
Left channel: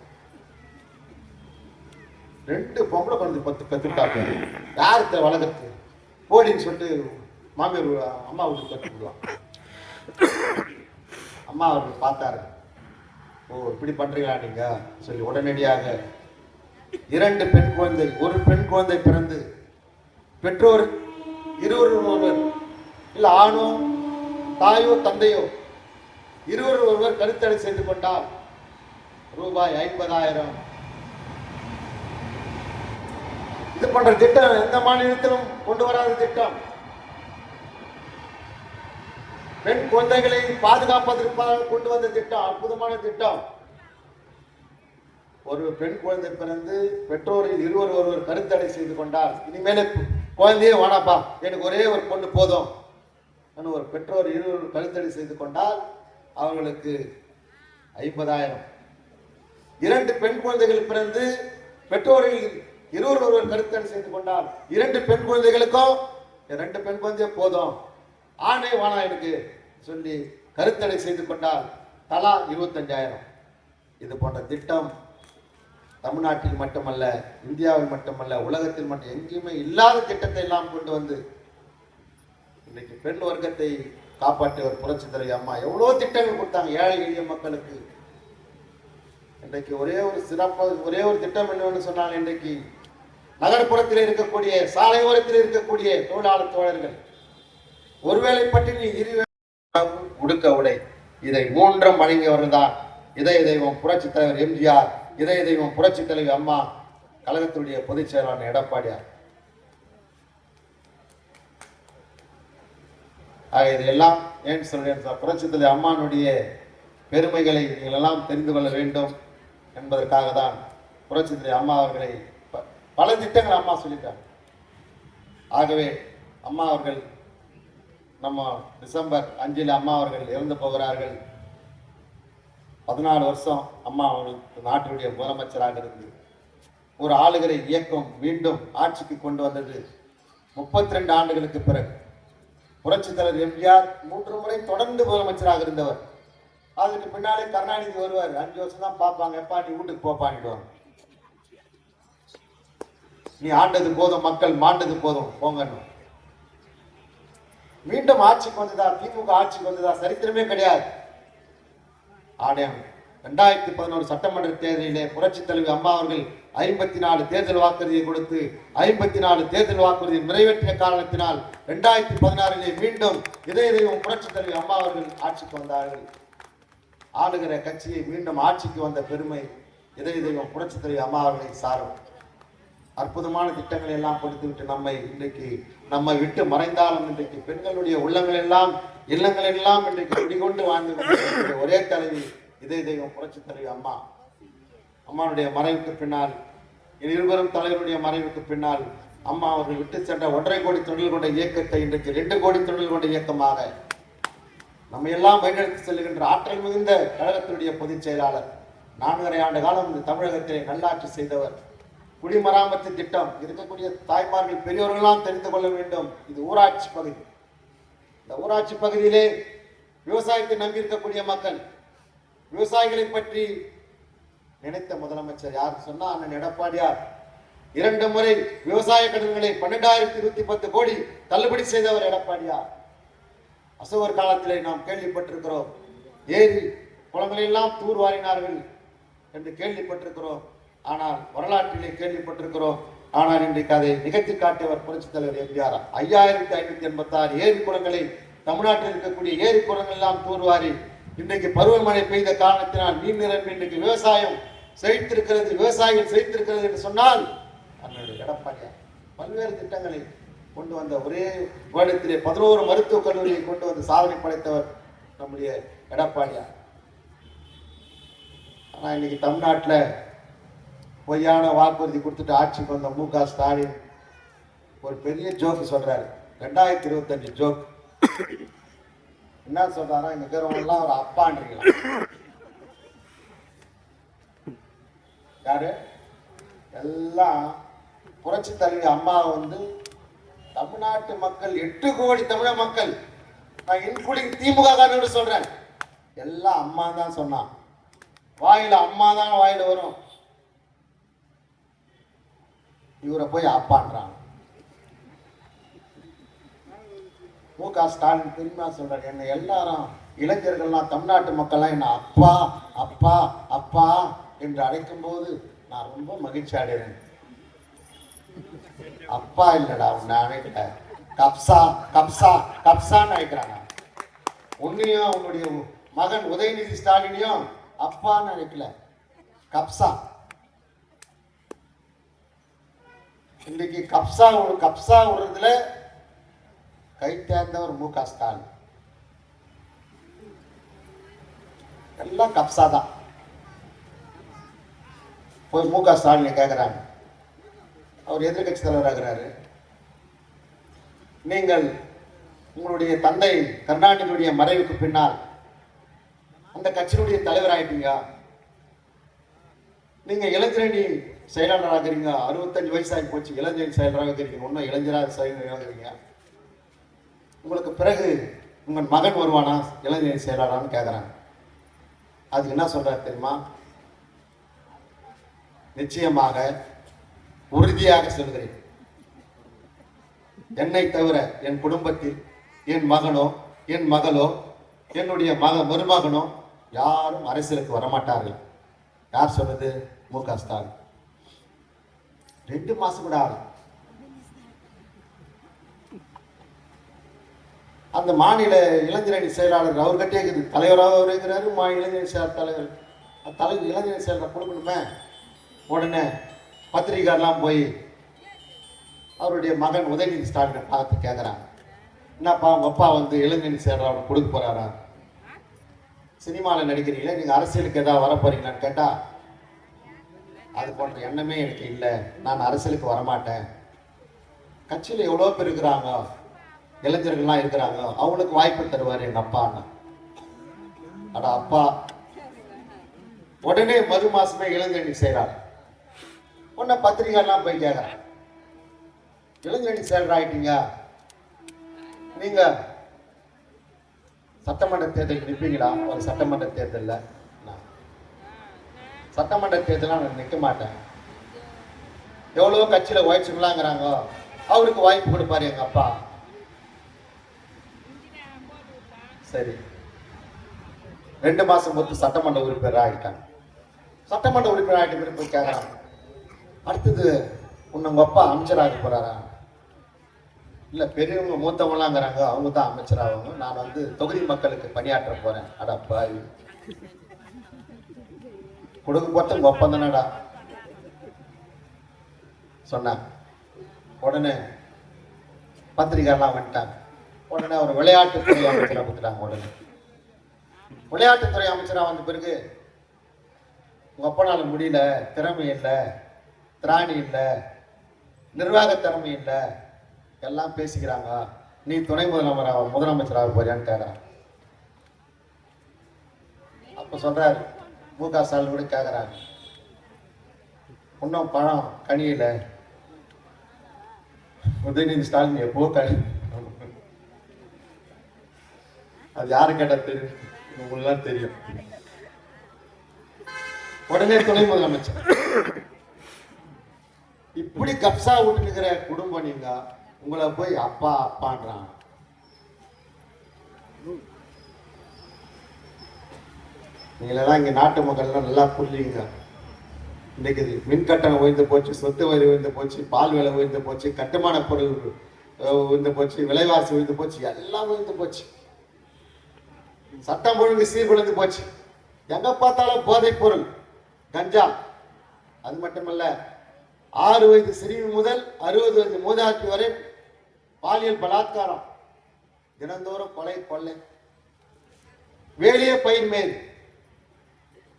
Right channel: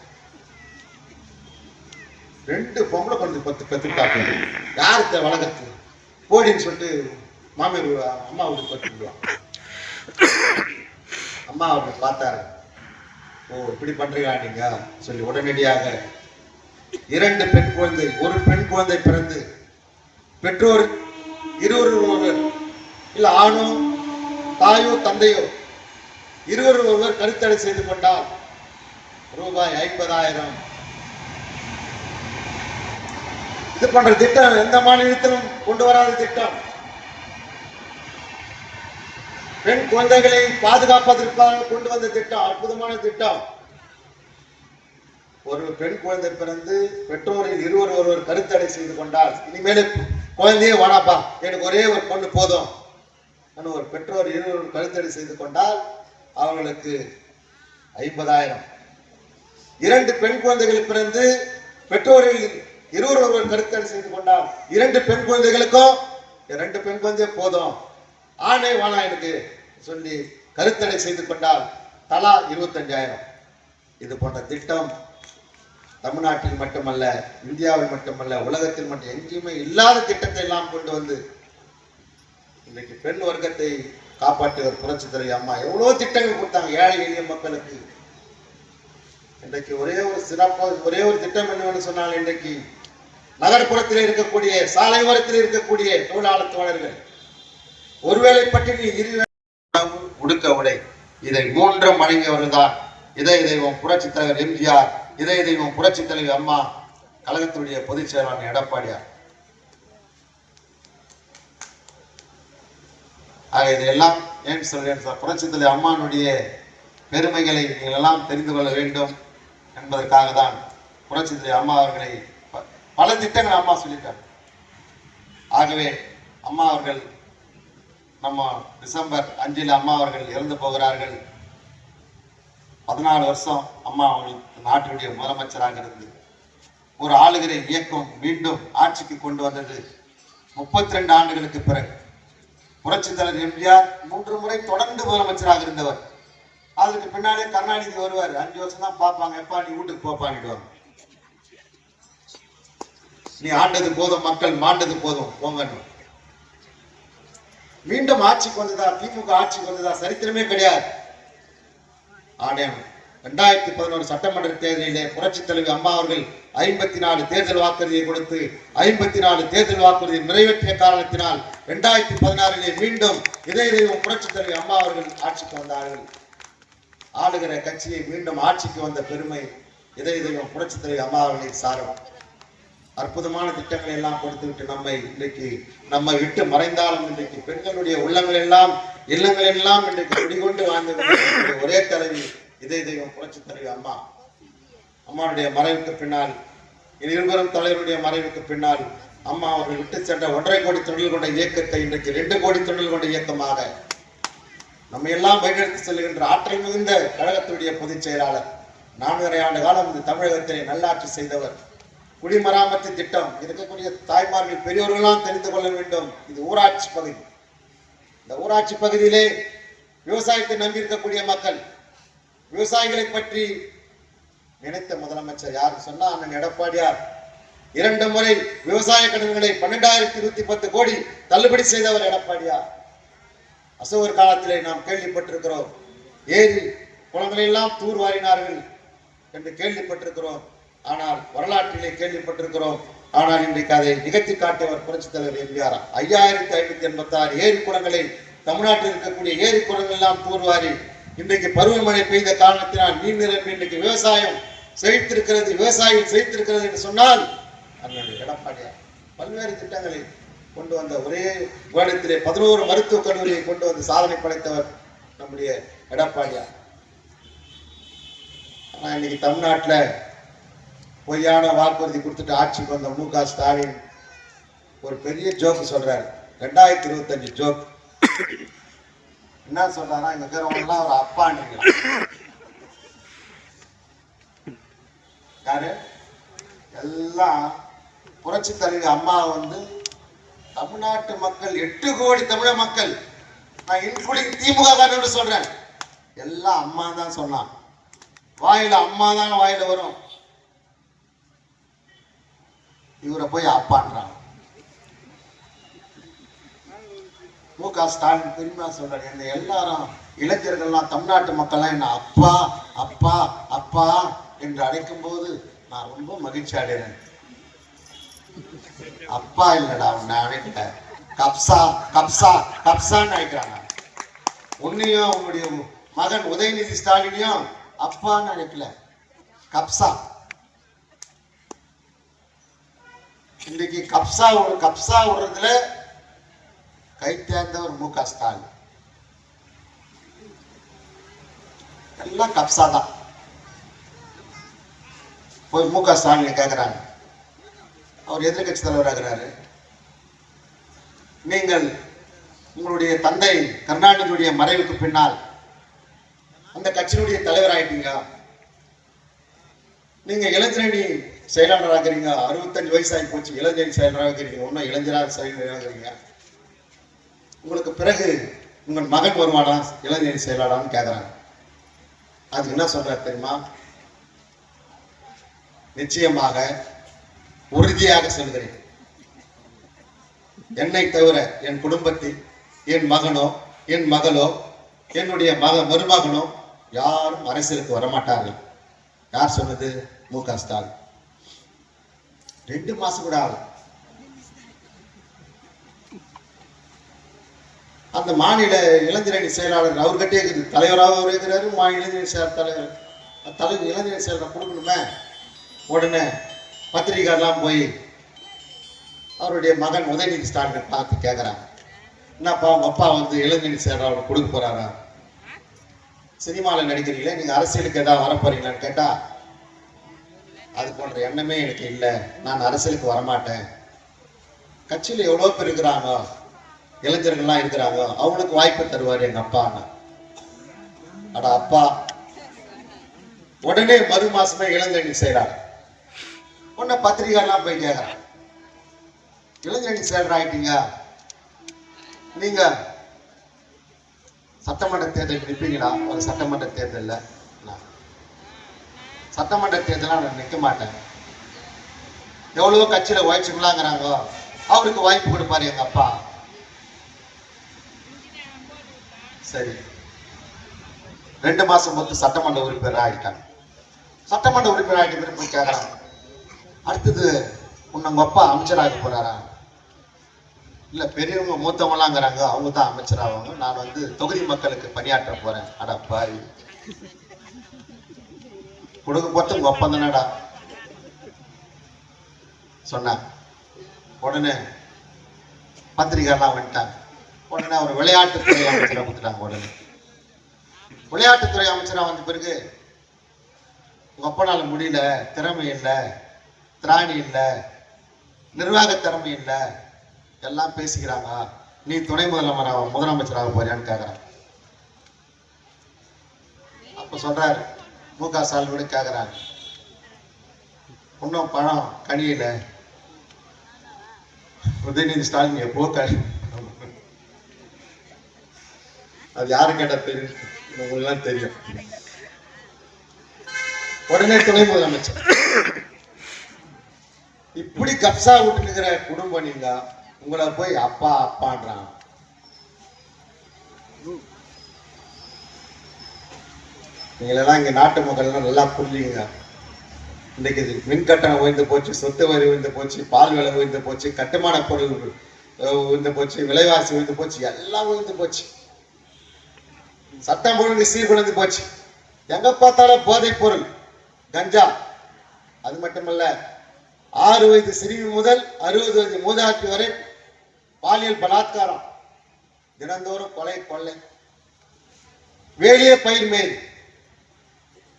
2 பொம்பளை குழந்தை கத்துட்டாங்க, யாருக்கு வளர்க்கறது போடின்னு சொல்லிட்டு மாமியார் அம்மா வீட்டுக்கு கற்றுக்குவாங்க. அம்மா அவருக்கு பார்த்தாரு, ஓ இப்படி பண்றீங்களா நீங்க சொல்லி உடனடியாக 2 பெண் குழந்தை, ஒரு பெண் குழந்தை பிறந்து பெற்றோர் ஒருவர் இல்ல ஆணோ தாயோ தந்தையோ ஒருவர் கருத்தடை செய்து கொண்டால் ரூபாய் 50,000. இது போன்ற திட்டம் எந்த மாநிலத்திலும் கொண்டு வராத திட்டம். பெண் குழந்தைகளை பாதுகாப்பதற்காக கொண்டு வந்த திட்டம், அற்புதமான திட்டம். ஒரு பெண் குழந்தை பிறந்து பெற்றோரில் ஒருவர் கருத்தடை செய்து கொண்டால் இனிமேல் குழந்தையே வானாப்பா எனக்கு ஒரே ஒரு பொண்ணு போதும் ஒரு பெற்றோர் கருத்தடை செய்து கொண்டால் அவங்களுக்கு 50,000. 2 பெண் குழந்தைகள் பிறந்து பெற்றோரில் ஒருவர் கருத்தடை செய்து கொண்டால் 2 பெண் குழந்தைகளுக்கும் 2 பெண் குழந்தைய போதும் ஆணை வானா எனக்கு சொல்லி கருத்தடை செய்து கொண்டால் தலா 25,000. இது போன்ற திட்டம் தமிழ்நாட்டில் மட்டுமல்ல, இந்தியாவில் மட்டுமல்ல, உலகத்தில் மட்டும் எங்கேயுமே இல்லாத திட்டத்தை எல்லாம் கொண்டு வந்து இன்னைக்கு பெண் வர்க்கத்தை காப்பாற்றுகிற புரட்சித் தலைவி அம்மா எவ்வளவு திட்டங்கள் கொடுத்தாங்க ஏழை எளிய மக்களுக்கு. இன்றைக்கு ஒரே ஒரு திட்டம் என்னவென்று சொன்னால், இன்றைக்கு நகர்ப்புறத்தில் இருக்கக்கூடிய சாலை ஓரத்தில் இருக்கக்கூடிய தொழிலாளர் தோழர்கள் ஒருவேளை பற்றி உடுக்க உடை இதை 3 வழங்கியவர்கள் தான் இதய தெய்வம் புரட்சித் தலைவர் எம்ஜிஆர், இதய தெய்வம் புரட்சித் தலைவி அம்மா, கழகத்துடைய பொதுச் செயலாளர் எடப்பாடியார். ஆக இதெல்லாம் ஏன் சொல்கிறேன், புரட்சித் தலைவி அம்மானுடைய பெருமைகளை நீங்கள் எல்லாம் தெரிந்து கொள்ள வேண்டும் என்பதற்காக தான் புரட்சித் தலைவி அம்மா அவர்களை பல திட்டங்கள் அம்மா சொல்லிட்டார். ஆகவே அம்மா அவர்கள் நம்ம டிசம்பர் 5 அம்மா அவர்கள் இறந்து போகிறார்கள். 14 வருஷம் அம்மா அவர்களுக்கு நாட்டினுடைய முதலமைச்சராக இருந்து ஒரு ஆளுகிற இயக்கம் மீண்டும் ஆட்சிக்கு கொண்டு வந்தது 32 ஆண்டுகளுக்கு பிறகு. புரட்சித் தலைவர் எம்ஜிஆர் 3 முறை தொடர்ந்து முதலமைச்சராக இருந்தவர். அதுக்கு பின்னாலே கருணாநிதி வருவார், 5 வருஷம் தான் பார்ப்பாங்க, எப்பா நீ வீட்டுக்கு போப்பான்னுடுவாங்க. நீ ஆண்டது போதும், மக்கள் மாண்டது போதும் போங்க. மீண்டும் ஆட்சிக்கு வந்ததா, திமுக ஆட்சிக்கு வந்ததா சரித்திரமே கிடையாது. 2011 சட்டமன்ற தேர்தலிலே புரட்சித் தலைவி அம்மா அவர்கள் 54 தேர்தல் வாக்குறுதியை கொடுத்து 54 தேர்தல் வாக்குறுதியை நிறைவேற்றிய காரணத்தினால் 2016 மீண்டும் இதய தெய்வம் புரட்சித் தலைவி அம்மா அவர்கள் ஆட்சிக்கு வந்தார்கள். ஆளுகிற கட்சியை மீண்டும் ஆட்சிக்கு வந்த பெருமை இதய தெய்வம் புரட்சித் தலைவி அம்மா அவர்களை சாரும். அற்புதமான திட்டங்களை எல்லாம் கொடுத்துவிட்டு நம்மை விட்டு மறைந்தாலும் இன்றைக்கு பெண்களுடைய உள்ளங்கள் எல்லாம் இல்லங்கள் எல்லாம் இன்றைக்கு குடிகொண்டு வாழ்ந்து ஒரே தலைவி இதய தெய்வம் புரட்சித் தலைவி அம்மா. அம்மாவுடைய மறைவுக்கு பின்னால், இருவரும் தலைவருடைய மறைவுக்கு பின்னால் அம்மா அவர்கள் விட்டு சென்ற 1.5 கோடி தொழில் கொண்ட இயக்கத்தை இன்றைக்கு 2 கோடி தொழில் கொண்ட இயக்கமாக நம்ம எல்லாம் வழிநடத்தி செல்கின்ற ஆற்றல் மிகுந்த கழகத்துடைய பொதுச் செயலாளர். 4.5 ஆண்டு காலம் இந்த தமிழகத்திலே நல்லாட்சி செய்தவர். குடிமராமத்து திட்டம் இருக்கக்கூடிய தாய்மார்கள் பெரியோர்களெல்லாம் தெரிந்து கொள்ள வேண்டும். இது ஊராட்சி பகுதி. இந்த ஊராட்சி பகுதியிலே விவசாயத்தை நம்பியிருக்கக்கூடிய மக்கள், விவசாயிகளை பற்றி நினைத்த முதலமைச்சர் யார் சொன்னா அண்ணன் எடப்பாடியார். 2 முறை விவசாய கடன்களை 12,110 கோடி தள்ளுபடி செய்தவர் எடப்பாடியார். அசோகர் காலத்திலே நாம் கேள்விப்பட்டிருக்கிறோம், ஏரி குளங்களை எல்லாம் தூர்வாரினார்கள் என்று கேள்விப்பட்டிருக்கிறோம். ஆனால் வரலாற்றிலே கேள்விப்பட்டிருக்கிறோம். ஆனால் இன்றைக்கு அதை நிகழ்த்தி காட்டியவர் புரட்சித் தலைவர் எம்ஜிஆர். 5586 ஏரி குளங்களை தமிழ்நாட்டில் இருக்கக்கூடிய ஏரி குளங்கள் எல்லாம் தூர்வாரி இன்றைக்கு பருவமழை பெய்த காரணத்தினால் நீர் நிரம்பி இன்றைக்கு விவசாயம் செழித்திருக்கிறது, விவசாயிகள் செழித்திருக்கிறது என்று சொன்னால் அண்ணன் எடப்பாடியார் பல்வேறு திட்டங்களை கொண்டு வந்த ஒரே வருடத்திலே 11 மருத்துவக் கல்லூரியை கொண்டு வந்து சாதனை படைத்தவர் நம்முடைய எடப்பாடியார். ஆனா இன்னைக்கு தமிழ்நாட்டில் பொய்யான வாக்குறுதி கொடுத்துட்டு ஆட்சிக்கு வந்த மு.க. ஸ்டாலின் ஒரு பெரிய ஜோக்கு சொல்றாரு. 2025 ஜோக் என்ன சொல்றாரா, இங்க இருக்கிறவங்க ஒரு அப்பான்னு யாரு எல்லாம் புரட்சி தலைவி அம்மா தமிழ்நாட்டு மக்கள் 8 கோடி தமிழக மக்கள், நான் இன்க்ளூடிங் திமுக சொல்றேன், எல்லாம் அம்மா தான் சொன்னான். வாயில அம்மா தான் வாயில வரும். இவரை போய் அப்பான்றாங்க. மு.க. ஸ்டாலின் பெருமையா சொல்றாரு, என்ன எல்லாரும் இளைஞர்கள்லாம் தமிழ்நாட்டு மக்கள்லாம் என்ன அப்பா அப்பா அப்பா என்று அழைக்கும் போது நான் ரொம்ப மகிழ்ச்சி அடைகிறேன். அப்பா இல்லடா உன்னை அழைக்க கப்சா கப்சா கப்சான்னு அழைக்கிறாங்க. உன்னையும் உன்னுடைய மகன் உதயநிதி ஸ்டாலினையும் அப்பான்னு அழைக்கல, கப்சா. இன்னைக்கு கப்சா விடுறதுல கை தேர்ந்தவர் மு.க. ஸ்டாலின். எல்லாம் கப்சா தான். போய் மு.க. ஸ்டாலின் கேட்கிறாங்க, அவர் எதிர்கட்சி தலைவராகிறாரு, நீங்கள் உங்களுடைய தந்தை கருணாநிதியுடைய மறைவுக்கு பின்னால் அந்த கட்சியினுடைய தலைவர் ஆயிட்டீங்க, நீங்க இளைஞரணி செயலாளர் ஆகிறீங்க, 65 வயசாகி போச்சு, இளைஞரணி செயலாளர் ஆகிறீங்க, ஒன்னும் இளைஞராக செயலாளர். உங்களுக்கு பிறகு உங்கள் மகன் வருவானா இளைஞரணி செயலாளர்னு கேட்கிறாங்க. அதுக்கு என்ன சொல்றாரு தெரியுமா? நிச்சயமாக உறுதியாக சொல்கிறேன், என்னை தவிர என் குடும்பத்தில் என் மகனோ என் மகளோ என்னுடைய மருமகனோ யாரும் அரசியலுக்கு வரமாட்டார்கள். யார் சொன்னது? மு.க. ஸ்டாலின். 2 மாசம் கூட ஆகும். அந்த மாநில இளைஞரணி செயலாளர் அவர்கிட்டே இருக்குது, தலைவராக அவர் இருக்கிறாரு, இளைஞரணி தலைவர் இளைஞரணி செயலர் கொடுக்கணுமே. உடனே பத்திரிகைலாம் போய் அவருடைய மகன் உதயநிதி ஸ்டாலினை பார்த்து கேட்குறாங்க, என்னப்பா உங்க அப்பா வந்து இளைஞரணி செயலர் கொடுக்க போறாரா? சினிமாவில் நடிக்கிறீங்களே, நீங்க அரசியலுக்கு ஏதாவது வர போறீங்களான்னு கேட்டா, அது போன்ற எண்ணமே எனக்கு இல்லை, நான் அரசியலுக்கு வரமாட்டேன். கட்சியில எவ்வளவு பேர் இருக்கிறாங்க, இளைஞர்கள்லாம் இருக்கிறாங்க, அவங்களுக்கு வாய்ப்பு தருவாரு எங்க அப்பா. அட அப்பா! உடனே மறு மாசமே இளைஞரணி செய்யறாங்க. உடனே பத்திரிகைலாம் போய் கேட்கறாங்க, இளைஞரணி செயலர் ஆயிட்டீங்க, நீங்க சட்டமன்ற தேர்தல் நிற்பீங்களா? ஒரு சட்டமன்ற தேர்தல் சட்டமன்ற தேர்தல் நான் நிற்க மாட்டேன். எவ்வளவோ கட்சியில வாய்ச்சுங்களாங்கிறாங்க, அவருக்கு வாய்ப்பு கொடுப்பாரு எங்க அப்பா. சரி, 2 மாசம் மொத்தம் சட்டமன்ற உறுப்பினர் ஆகிட்டாங்க. சட்டமன்ற உறுப்பினர் ஆகிட்டு போய் கேட்கறாங்க, அடுத்தது உங்க அப்பா அமைச்சராக போறாரா? இல்ல, பெரியவங்க மூத்தவங்களாங்கிறாங்க, அவங்க தான் அமைச்சராக, நான் வந்து தொகுதி மக்களுக்கு பணியாற்ற போறேன். அடப்பா, கொடுக்க போறது உங்க ஒப்பம் தானடா சொன்னாங்க. உடனே பத்திரிகைலாம் வந்துட்டாங்க. உடனே அவர் விளையாட்டுத்துறை அமைச்சராக கொடுத்துட்டாங்க. உடனே விளையாட்டுத்துறை அமைச்சராக வந்த பிறகு, உங்க அப்பனால முடியல, திறமை இல்லை, திராணி இல்லை, நிர்வாக திறமை இல்லை, எல்லாம் பேசிக்கிறாங்க, நீ துணை முதலமைச்சராக போறியான்னு கேட்கிறாங்க. அப்ப சொல்றாரு மு.க. ஸ்டாலின் கூட கேட்கிறாங்க, இன்னும் பழம் கனியில. உதயநிதி ஸ்டாலின் எப்போ அது யாரு கேட்டா தெரியும், உங்களுக்கு தெரியும். உடனே துணை முதலமைச்சர். இப்படி கப்சா விட்டுக்கிற குடும்பம் நீங்க, உங்களை போய் அப்பா அப்பான்றான். நீங்களெல்லாம் இங்க நாட்டு மக்கள் நல்லா புரிஞ்சுங்க. இன்னைக்கு மின் கட்டணம் உயர்ந்து போச்சு, சொத்து வரி உயர்ந்து போச்சு, பால் விலை உயர்ந்து போச்சு, கட்டுமான பொருள் உயர்ந்து போச்சு, விலைவாசி உயர்ந்து போச்சு, எல்லாம் உயர்ந்து போச்சு. சட்டம் ஒழுங்கு சீர்குலைந்து போச்சு. எங்க பார்த்தாலும் போதைப் பொருள், கஞ்சா. அது மட்டுமல்ல, 6 வயது சிறுமி முதல் 60 வயது மூதாட்டி வரை பாலியல் பலாத்காரம், தினந்தோறும் கொலை கொள்ளை, வேலிய பயிர் மேல்.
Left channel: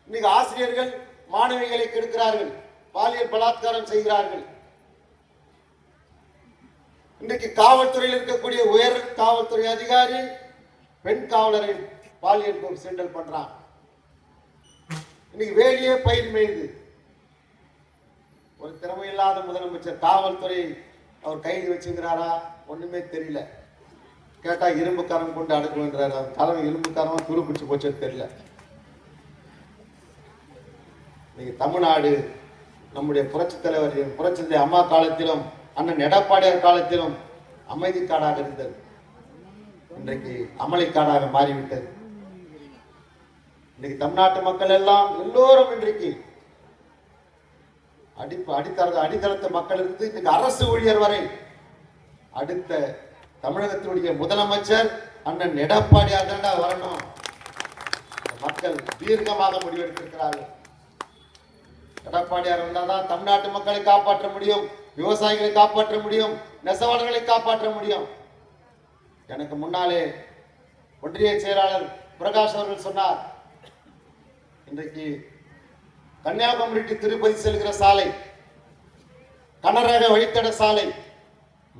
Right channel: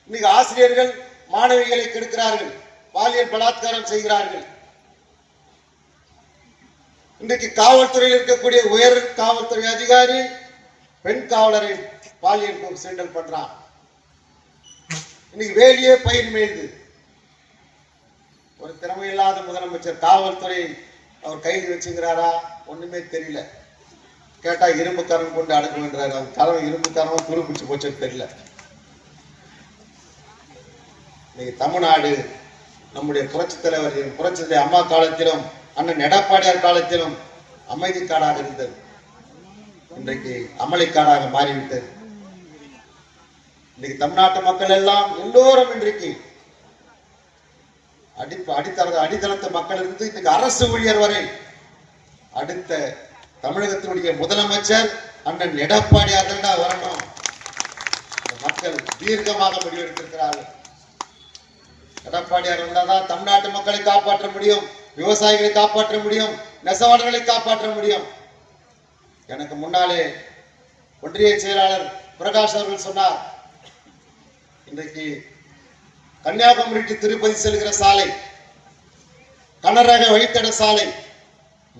இன்னைக்கு ஆசிரியர்கள் மாணவிகளை கெடுக்கிறார்கள், பாலியல் பலாத்காரம் செய்கிறார்கள். இன்றைக்கு காவல்துறையில் இருக்கக்கூடிய உயர் காவல்துறை அதிகாரி பெண் காவலரை பாலியல் சீண்டல் பண்றான். இன்னைக்கு வேலியே பயிர் மேய்து. ஒரு திறமையில்லாத முதலமைச்சர் காவல்துறை அவர் கையில் வச்சுக்கிறாரா? ஒண்ணுமே தெரியல. கேட்டா இரும்பு கரம் கொண்டு அடக்குன்றாரு. அந்த கரம் இரும்பு கரமா துருப்பிடிச்சு போச்சு தெரியல. இன்னைக்கு தமிழ்நாடு நம்முடைய புரட்சித் தலைவர் புரட்சி அம்மா காலத்திலும் அண்ணன் எடப்பாடியார் காலத்திலும் அமைதி காடாக இருந்தது. இன்றைக்கு அமளிக்காடாக மாறிவிட்டது. இன்னைக்கு தமிழ்நாட்டு மக்கள் எல்லாம் எல்லோரும் இன்றைக்கு அடித்தளத்த மக்கள் இருந்து இன்னைக்கு அரசு ஊழியர் வரை அடுத்த தமிழகத்தினுடைய முதலமைச்சர் அண்ணன் எடப்பாடியார் தான் வரணும். மக்கள் தீர்க்கமாக முடிவெடுத்திருக்கிறார்கள். எடப்பாடியார் வந்தாதான் தமிழ்நாட்டு மக்களை காப்பாற்ற முடியும், விவசாயிகளை காப்பாற்ற முடியும், நெசவாளர்களை காப்பாற்ற முடியும். எனக்கு முன்னாலே ஒன்றிய செயலாளர் பிரகாஷ் அவர்கள் சொன்னார், இன்றைக்கு கன்னியாகுமரிக்கு திருப்பதி செல்கிற சாலை, கனரக வழித்தட சாலை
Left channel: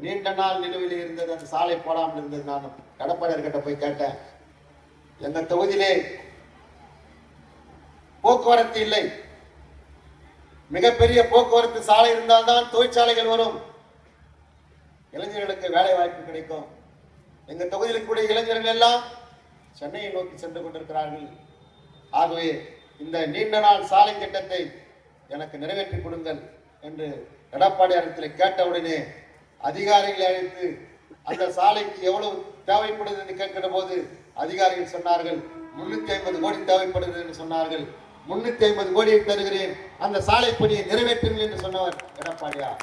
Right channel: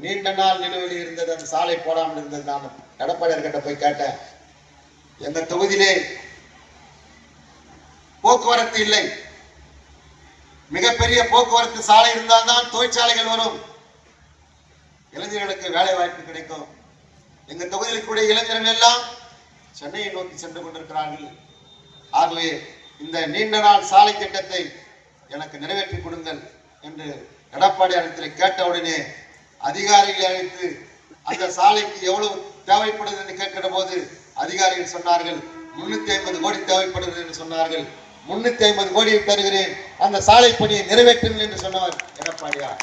நீண்ட நாள் நிலுவையில் இருந்தது. அந்த சாலை போடாமல் இருந்தது. நான் எடப்பாடியார் கிட்ட போய் கேட்டேன், எங்க தொகுதியிலே போக்குவரத்து இல்லை, மிகப்பெரிய போக்குவரத்து சாலை இருந்தால்தான் தொழிற்சாலைகள் வரும், இளைஞர்களுக்கு வேலை வாய்ப்பு கிடைக்கும். எங்க தொகுதியில் கூடிய இளைஞர்கள் எல்லாம் சென்னையை நோக்கி சென்று கொண்டிருக்கிறார்கள். ஆகவே இந்த நீண்ட நாள் சாலை திட்டத்தை எனக்கு நிறைவேற்றி கொடுங்கள் என்று எடப்பாடியாரிடத்தில் கேட்டவுடனே அதிகாரிகளை அழைத்து அந்த சாலைக்கு எவ்வளவு தேவைப்படுது என்று கேட்கிற போது அதிகாரிகள் சொன்னார்கள் 350 கோடி தேவைப்படுகிறது என்று சொன்னார்கள். 350 கோடியை தருகிறேன், அந்த சாலை பணியை நிறைவேற்றுங்கள் என்று சொன்னவர் எடப்பாடியார்.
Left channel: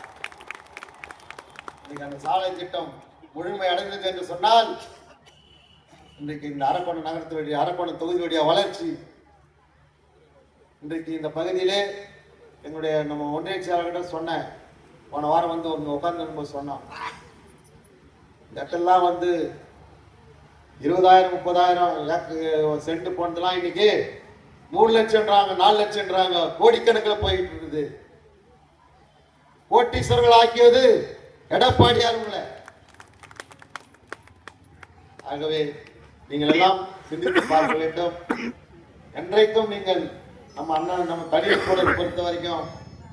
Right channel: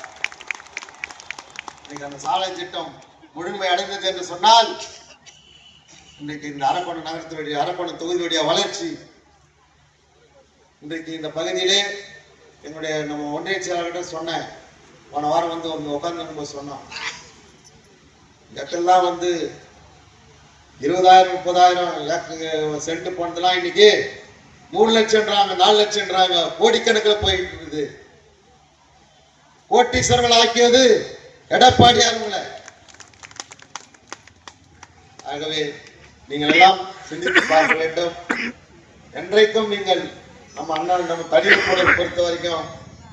அந்த சாலை திட்டம் முழுமை அடைந்தது என்று சொன்னால் இன்றைக்கு இந்த அரக்கோணம் நகரத்தினுடைய அரக்கோணம் தொகுதியுடைய வளர்ச்சி, இன்றைக்கு இந்த பகுதியிலே என்னுடைய நம்ம ஒன்றிய செயலாளர்கிட்ட சொன்னேன், போன வாரம் வந்து ஒன்று உட்கார்ந்து சொன்னோம், இடத்தெல்லாம் வந்து 20,000 30,000 சென்ட் போனதெல்லாம் இன்னைக்கு 3 லட்சம்ன்றாங்க, 4 லட்சம்ன்றாங்க, கோடிக்கணக்கில் போயிட்டு இருக்குது. கோட்டீஸ்வரர்கள் ஆக்கியது எடப்பாடியார். ஆகவே நீங்கள் எல்லாம் சிந்தித்து பார்க்க வேண்டும். என்றைக்கும் நீங்கள் நம்ம நம்ம கடிதக்கூட பொறுத்த வரைக்கும்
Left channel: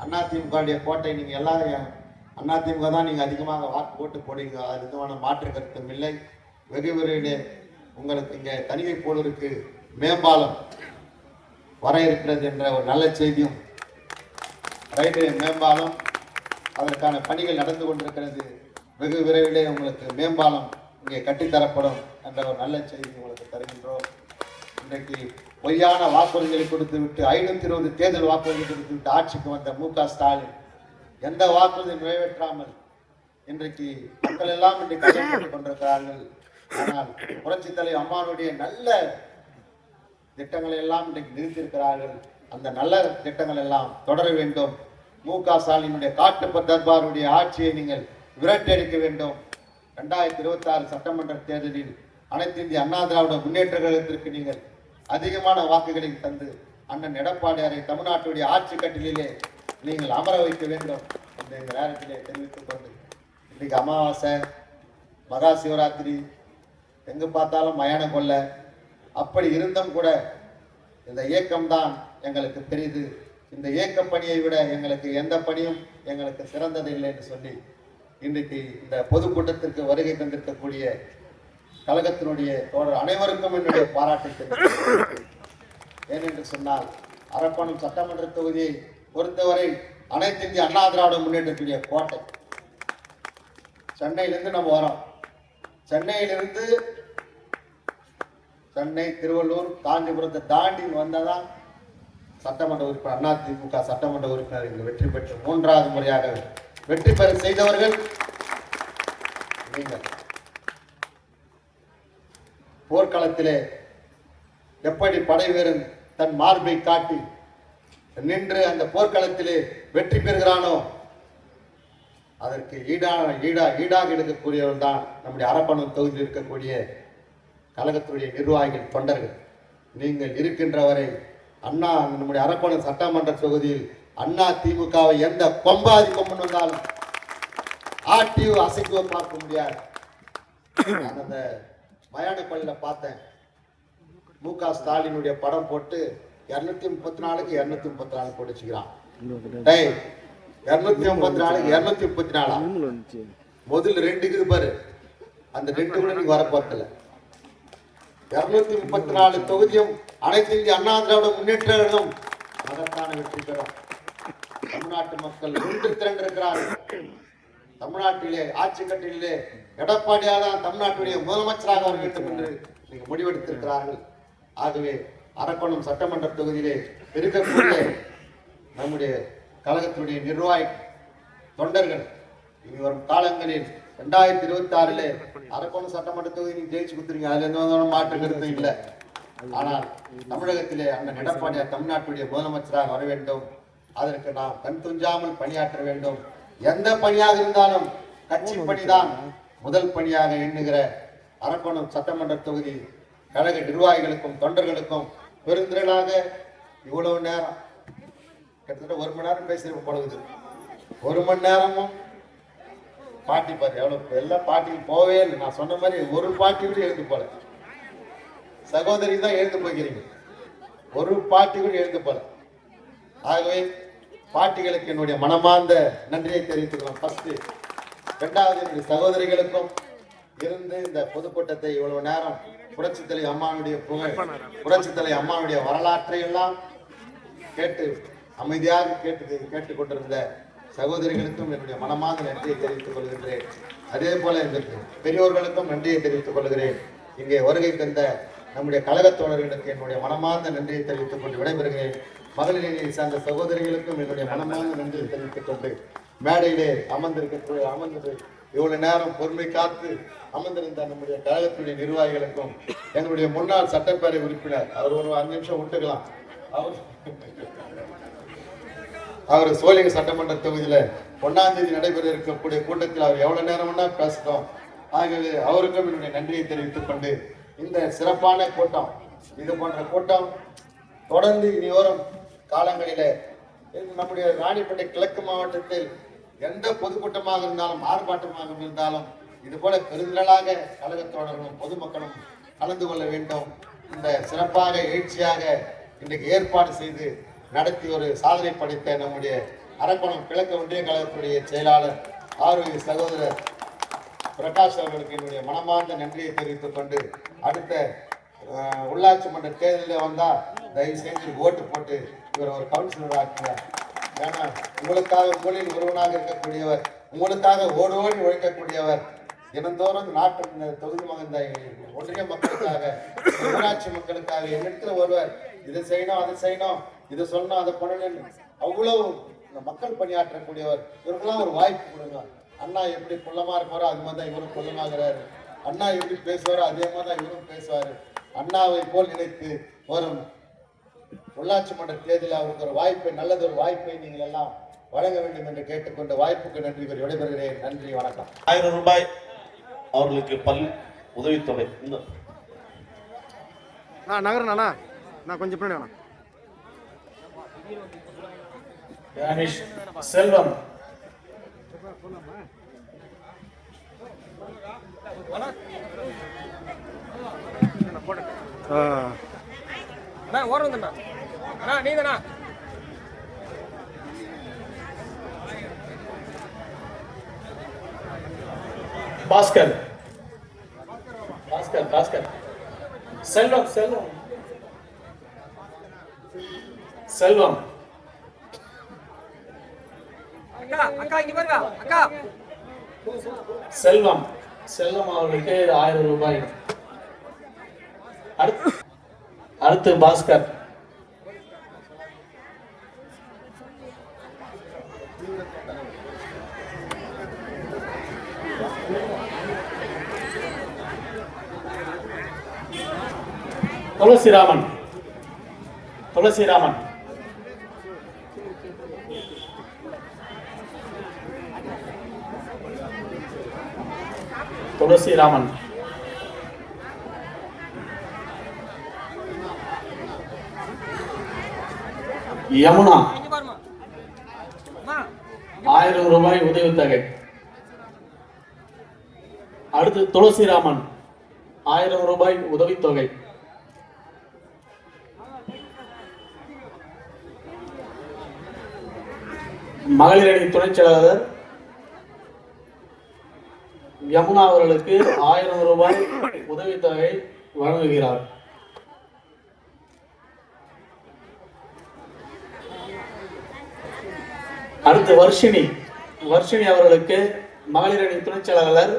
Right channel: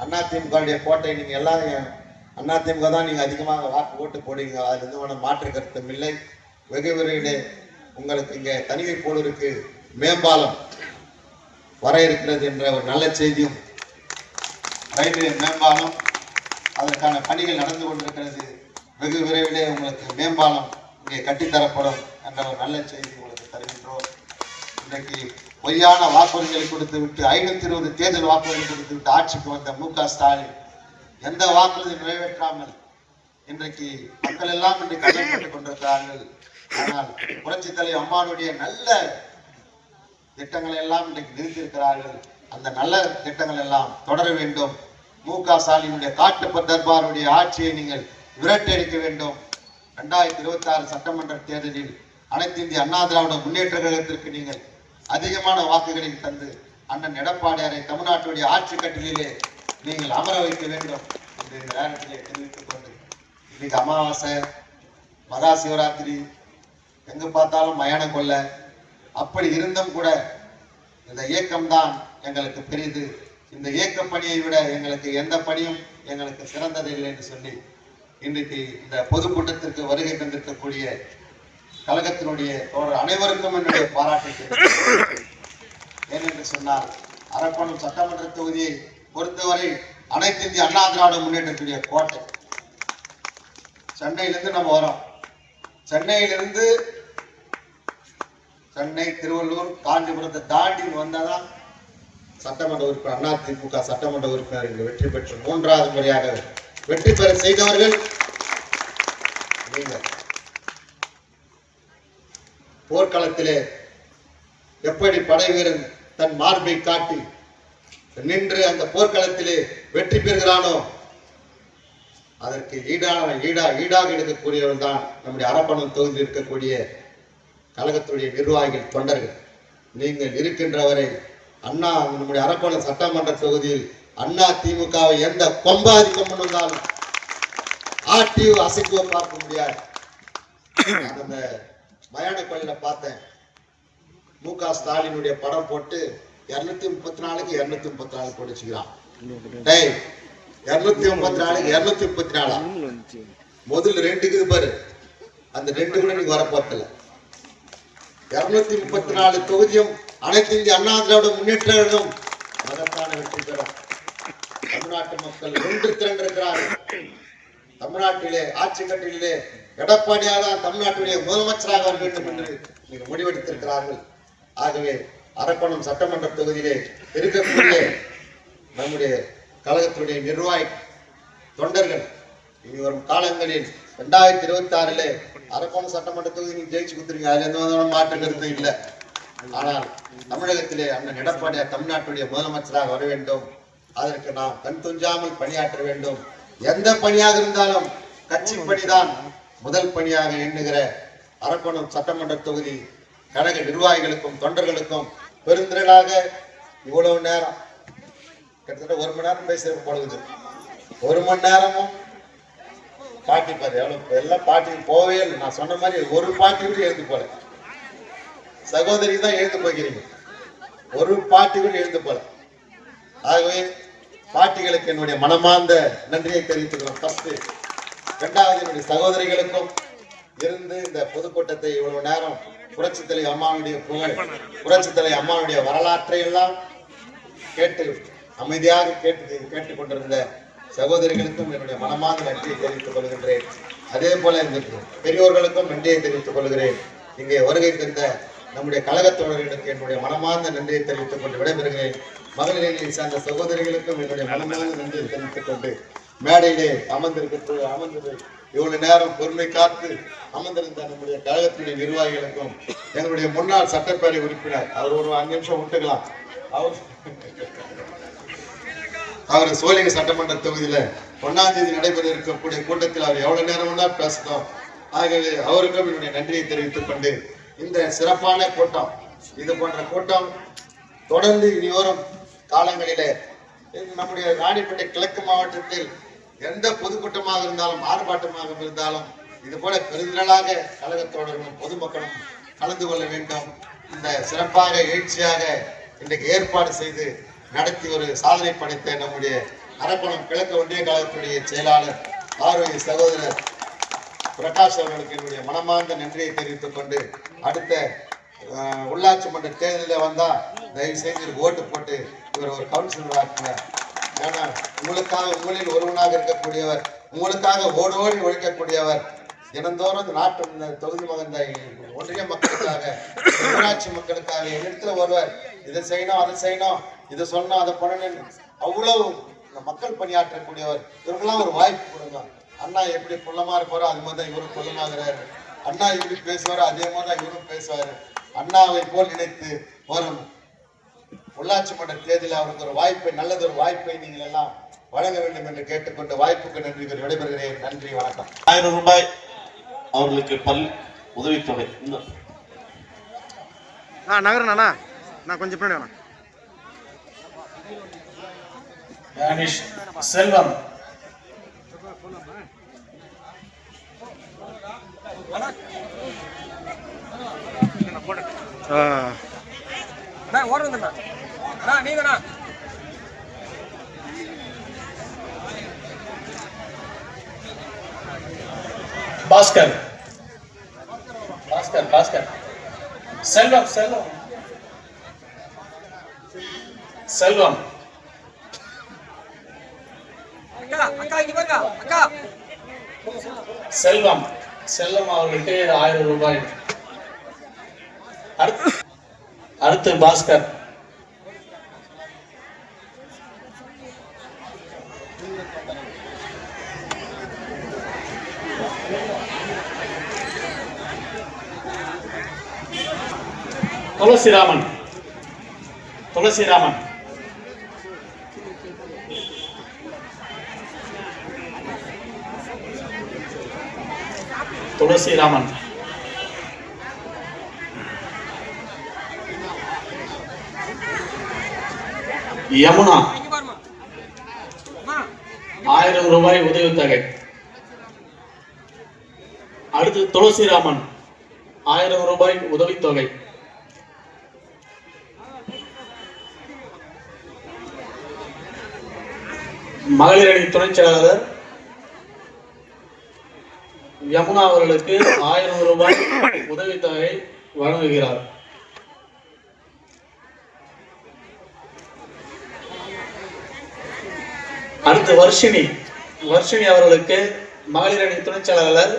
அதிமுக கோட்டை, நீங்க எல்லாரும் அதிமுக தான் நீங்க அதிகமாக வாக்கு ஓட்டு போடுங்க, அது எதுவான மாற்று கருத்தும் இல்லை. வெகு விரைவிலே உங்களுக்கு இங்க தனிமை போலருக்கு மேம்பாலம் வர இருக்கிறது என்ற ஒரு நல்ல செய்தியும், ரயில்வே மேம்பாலம் அதற்கான பணிகள் நடந்து கொண்டிருக்கிறது. வெகு விரைவிலே உங்களுக்கு மேம்பாலம் இங்கே கட்டித்தரப்படும் என்ற ஒரு நல்ல செய்தி உங்களுக்கு தருகின்றோம். இன்றைக்கு பொய்யான வாக்குறுதிகளை கொடுத்து விட்டு 520 தேர்தல் வாக்குறுதிகள் கொடுத்து விட்டு ஆட்சிக்கு வந்த மு.க. ஸ்டாலின் எந்த வாக்குறுதியும் நிறைவேற்றாமல் இன்றைக்கு மக்கள் எல்லாம் இன்றைக்கு கஷ்டப்பட்டுக் கொண்டிருக்கிறார்கள். ஆனால் புரட்சி தலைவர் அம்மானுடைய நல்ல திட்டங்களை எல்லாம் இன்றைக்கு நிறுத்தியிருக்கிறார்கள். அந்த நல்ல திட்டங்கள் எல்லாம் தொடர வேண்டும். மு.க. ஸ்டாலினுடைய காட்டு தர்பாருடைய ஆட்சியை நீங்கள் விரட்டடிக்க வேண்டும். 2026 சட்டமன்ற தேர்தலில் அனைத்து இந்திய அண்ணா திராவிட முன்னேற்ற கழகத்திற்கு நீங்கள் அதிகமான வாக்குகளை தந்து அண்ணன் எடப்பாடியாரை தமிழ்நாட்டுடைய ஆட்சி கட்டிலே நீங்கள் அமர வைக்க வேண்டும் என்று இந்த நேரத்திலே தெரிவித்துக் கொண்டு, இன்னைக்கு அமாவாசை, மகா சிவராத்திரி, எங்கு பார்த்தாலும் மயான கொள்ள, அப்படி இருந்தும் கூட இந்த இயக்கம்தான் எங்களுக்கு பெரிது, இந்த இயக்க பணியை விட எங்களுக்கு எந்த பணியும் எங்களுக்கு சிறந்தது இல்லை என்று சொல்லி இன்றைக்கு இந்த பொதுக்கூட்டத்திற்கு வருகை தந்திருக்கக்கூடிய கழகத்தினுடைய தோழர் அனைவருக்கும் என்னுடைய பாராட்டு. ஏனென்று சொன்னால் அரக்கோணம் சட்டமன்ற தொகுதியை பொறுத்தவரை அனைத்து இந்திய அண்ணா திராவிட முன்னேற்றத்துடைய கோட்டை. சென்னையிலிருந்து நம்ம வரோம், சென்னையிலிருந்து சென்னை, திருவள்ளூர், காஞ்சிபுரத்தை தாண்டி வந்தாதான் சட்டமன்ற உறுப்பினர் அதிமுக சட்டமன்ற உறுப்பினர் வெற்றி பெற்று 3வது முறையாக வெற்றி பெற செய்தவர்கள் நீங்கள். போர்க்களத்திலே எப்படி படை வீரன் தன் மார்பை காட்டி நின்று அந்த போர்க்களத்திலே வெற்றி பெறுகிறானோ அதற்கு ஈடாக எடுக்கக்கூடியவர்கள் தான் நம்முடைய அரக்கோணம் தொகுதியில் இருக்கக்கூடிய கழகத்துடைய நிர்வாகிகள், தொண்டர்கள். நீங்கள் இருக்கின்றவரை அண்ணா நம்முடைய அரக்கோணம் சட்டமன்ற தொகுதியில் அண்ணா திமுகவை எந்த கொம்பாதி கொம்பன் வந்தாலும் ஆட்டியோ அசைக்கோ பார்க்க முடியாது. அந்த மயான கொள்ளையில பார்த்தேன், மு.க. ஸ்டாலினுடைய படம் போட்டு 234க்கு 234 போட்டுச்சுக்கிறான். 234க்கு 234 முதல் 2 பாரு, அந்த 2 கூட நீங்க வரப்போட்டல. 234 தொகுதியும் அனைத்து இந்திய அண்ணா திராவிட முன்னேற்ற கழகம் அதற்கான வெற்றி பெறும். தமிழ்நாட்டு மக்கள் ஒன்று திரண்டிருக்கிறார்கள். தமிழ்நாட்டிலே ஆட்சி கட்டிலே எடப்பாடியாக தமிழ்நாட்டுடைய முதலமைச்சராக வேண்டும் என்று முடிவெடுத்திருக்கிறார்கள். ஆகவே அரக்கோணம் சட்டமன்ற தொகுதியிலே இருக்கக்கூடிய நம்முடைய கழகத்தினுடைய நிர்வாகி தொண்டர்கள் இனி வரும் காலங்களில் 2026 அரக்கோணம் சட்டமன்ற தொகுதி ஜெயிச்சு கொடுத்துருங்க. அதுல எந்த மாற்று கருத்து இல்லை. ஆனால் தமிழகத்திலே அண்ணன் எடப்பாடியார் தமிழ்நாட்டுடைய முதலமைச்சராக வர வேண்டும். அதற்கு நாம் கண் துஞ்சாமல் பணியாற்ற வேண்டும். எந்த பணியாக இருந்தாலும் கட்சி பணிதான் முதல் பணியாக எண்ணுகிற அரக்கோணம் சட்டமன்ற தொகுதி கழக நிர்வாகிகளுக்கும் தொண்டர்களுக்கும் பெருந்திரளாக இவ்வளவு நேரம் கிட்டத்தட்ட 1 மணி நேரம் பேசுறது போடுது. 1 மணி நேரமும் பாட்டி பாரு எவ்வளவு எல்லாம் பாட்டிக்கு போவே இல்லை. நான் சொன்ன மாதிரி ஒரு பாட்டி கூட எழுந்து போல. சகோதரி தான் எழுந்து போகிறீங்க, ஒரு பாட்டி கூட எழுந்து போல. ஆகவே பாட்டிகளுக்கு என்னுடைய மனமார்ந்த நன்றியை தெரிவித்துக்கிறோம். ஃபர்ஸ்ட் 2வது என்னுடைய சகோதரிகளுக்கும் இருந்து இந்த பொதுக்கூட்டத்தை இவ்வளவு நேரம் புரட்சித் தலைவர் அம்மாவுடைய புகழ், புரட்சித் தலைவர் அம்மாவுடைய வரலாற்றை எல்லாம் கேட்டு அமைதியாக கேட்டுக்கொண்டிருந்த சகோதரிகளுக்கும் என்னுடைய மனமார்ந்த நன்றியை தெரிவித்துக் கொள்கின்றேன். அதே போல இந்த பெரியோர்களுக்கும் நன்றியை தெரிவித்துக் கொள்கிறேன். இங்கே வருகை தந்த நம்முடைய கழகத் தோழர்களுக்கு என்னுடைய மனமார்ந்த நன்றியை தெரிவித்துக் கொண்டு விடைபெறுகிறேன். மகளிரை சார்ந்த சகோதரிகளுக்கும் என்னுடைய மனமார்ந்த நன்றியை தெரிவித்துக் கொண்டு மேடையிலே அமர்ந்து இவ்வளவு நேரம் பொறுமை காத்து அமர்ந்திருந்த நம்முடைய கழகத்தினுடைய நிர்வாகிகளுக்கும் எங்களுடைய முன்னாள் சட்டப்பேரவை உறுப்பினர் அவர் ஒரு 5 நிமிஷம் விட்டுக்கலாம். அவர் சோழிங்க சட்டமன்ற தொகுதியில 1ஆம் தேதி நடைபெற இருக்கக்கூடிய கூட்டத்தில் அவர் எவ்வளவு நேரம் பேசணும். ஆகவே அவருக்கும் என்னுடைய நன்றியை தெரிவித்துக் கொண்டு இந்த சிறப்பான கூட்டம், இது போன்ற கூட்டம் தொடர்ந்து இனி வரும் காலங்களிலே நம்முடைய ராணிப்பேட்டை கிழக்கு மாவட்டத்தில் எந்த பொதுக்கூட்டமாக இருந்தாலும் ஆர்ப்பாட்டமாக இருந்தாலும் இது போல பெருந்திரளாக கழகத்தோழர்களும் பொதுமக்களும் கலந்து கொள்ள வேண்டும். இந்த சிறப்பாக எழுச்சியாக இன்றைக்கு ஏற்பாடு செய்து நடத்தி ஒரு சாதனை படைத்த நம்முடைய அரக்கோணம் கிழக்கு ஒன்றிய கழகத்துடைய செயலாளர் ஆரோக்கிய சகோதரர் பிரகாஷ் அவர்களுக்கு என்னுடைய மனமார்ந்த நன்றியை தெரிவித்துக் கொண்டு அடுத்த உள்ளாட்சி மன்ற தேர்தலில் வந்தா தயவு செய்து ஓட்டு போட்டு இவர் ஒரு கவுன்சிலர் ஆக்குங்க. ஏன்னா உங்களுக்காக உங்களில் ஒருவனாக இருக்கக்கூடியவர், உங்களுக்காக ஓடோடி உழைக்கக்கூடியவர், தினந்தோறும் இந்த நாட்டு இந்த தொகுதி மகந்த ஒன்றிய மக்களுக்காக உள்ளாட்சி மக்களுக்காக என்னிடத்துல ஒருவர் இதை செய்யணும் அதை செய்யணும் இதை சொன்னோம் அதை பண்ணணும் அவ்வளவு மக்கள் பணியாற்றக்கூடியவர். இவருக்கெல்லாம் ஒரு வாய்ப்பு கொடுங்க. அண்ணா எப்படி குள்ளமா இருப்பாரோ அது மாதிரி தான் இவரும் குள்ளமாகிறாரு. அண்ணா எப்படி பேசுவாரோ அதே மாதிரி தான் இவரும் பேசுவாரு. அண்ணாவை போல் நினைத்து வரும் உள்ளாட்சி மன்ற தேர்தலில் அவருக்கு ஒரு வாய்ப்பை, நல்லதொரு வாய்ப்பை நீங்கள் எல்லாம் வழங்க வேண்டும் என்று கேட்டுக்கொண்டு வாய்ப்புக்கு நன்றி விடைபெறுகிறேன். நன்றி, வணக்கம். 1000 ரூபாய் அவர்களுக்கு உதவித்தொகை. நகரண்ணா நான் கொஞ்சம் பின்னாடி செல்வம் பாஸ்கர் பாஸ்கர் பாஸ்கர் செல்வம் செல்வம் செல்வம் செல்வம் செல்வம் அவர்களுக்கு 1000 ரூபாய். அடுத்து பாஸ்கர் துளசிராமன் துளசிராமன் துளசிராமன் யமுனா 1000 ரூபாய் உதவித்தொகை. அடுத்து துளசிராமன் 1000 ரூபாய் உதவித்தொகை. மகளிர் அணி துணைச் செயலாளர் யமுனா அவர்களுக்கு 1000 ரூபாய் உதவித்தொகை வழங்குகிறார். அடுத்து வர்ஷினி அவர்களுக்கு மகளிர் அணி துணைச் செயலாளர்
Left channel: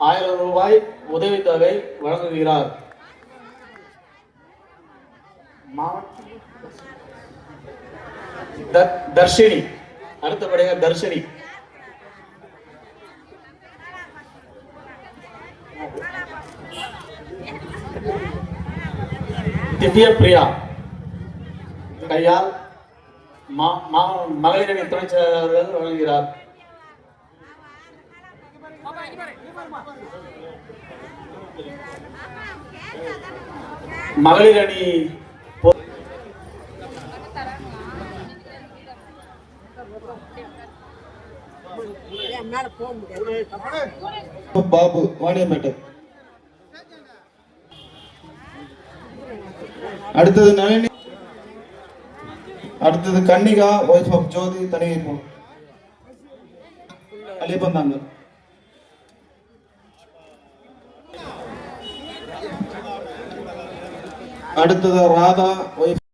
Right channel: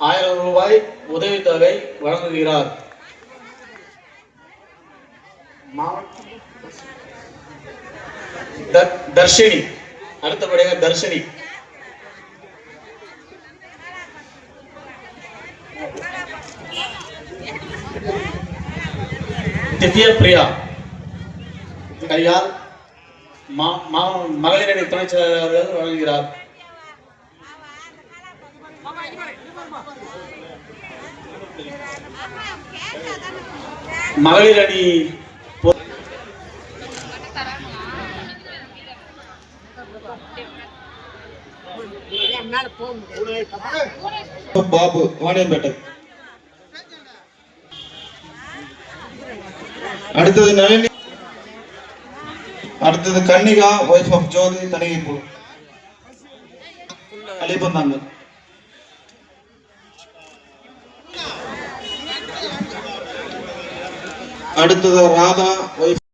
1000 ரூபாய் உதவித்தொகை வழங்குகிறார். தர்ஷினி. அடுத்தபடியாக தர்ஷினி. திவ்யா பிரியா. கையால் மகளிரணி துணைச் செயலாளர் வழங்குகிறார். மகளிரணி பாபு வாணியம்பேட்டை. அடுத்தது நளினி. அடுத்தது கன்னிகா ஒய்ஃப் ஆஃப் ஜோதி தனிகைப்பூர் அலிபந்தாங்க. அடுத்தது ராதா ஒய்ஃப்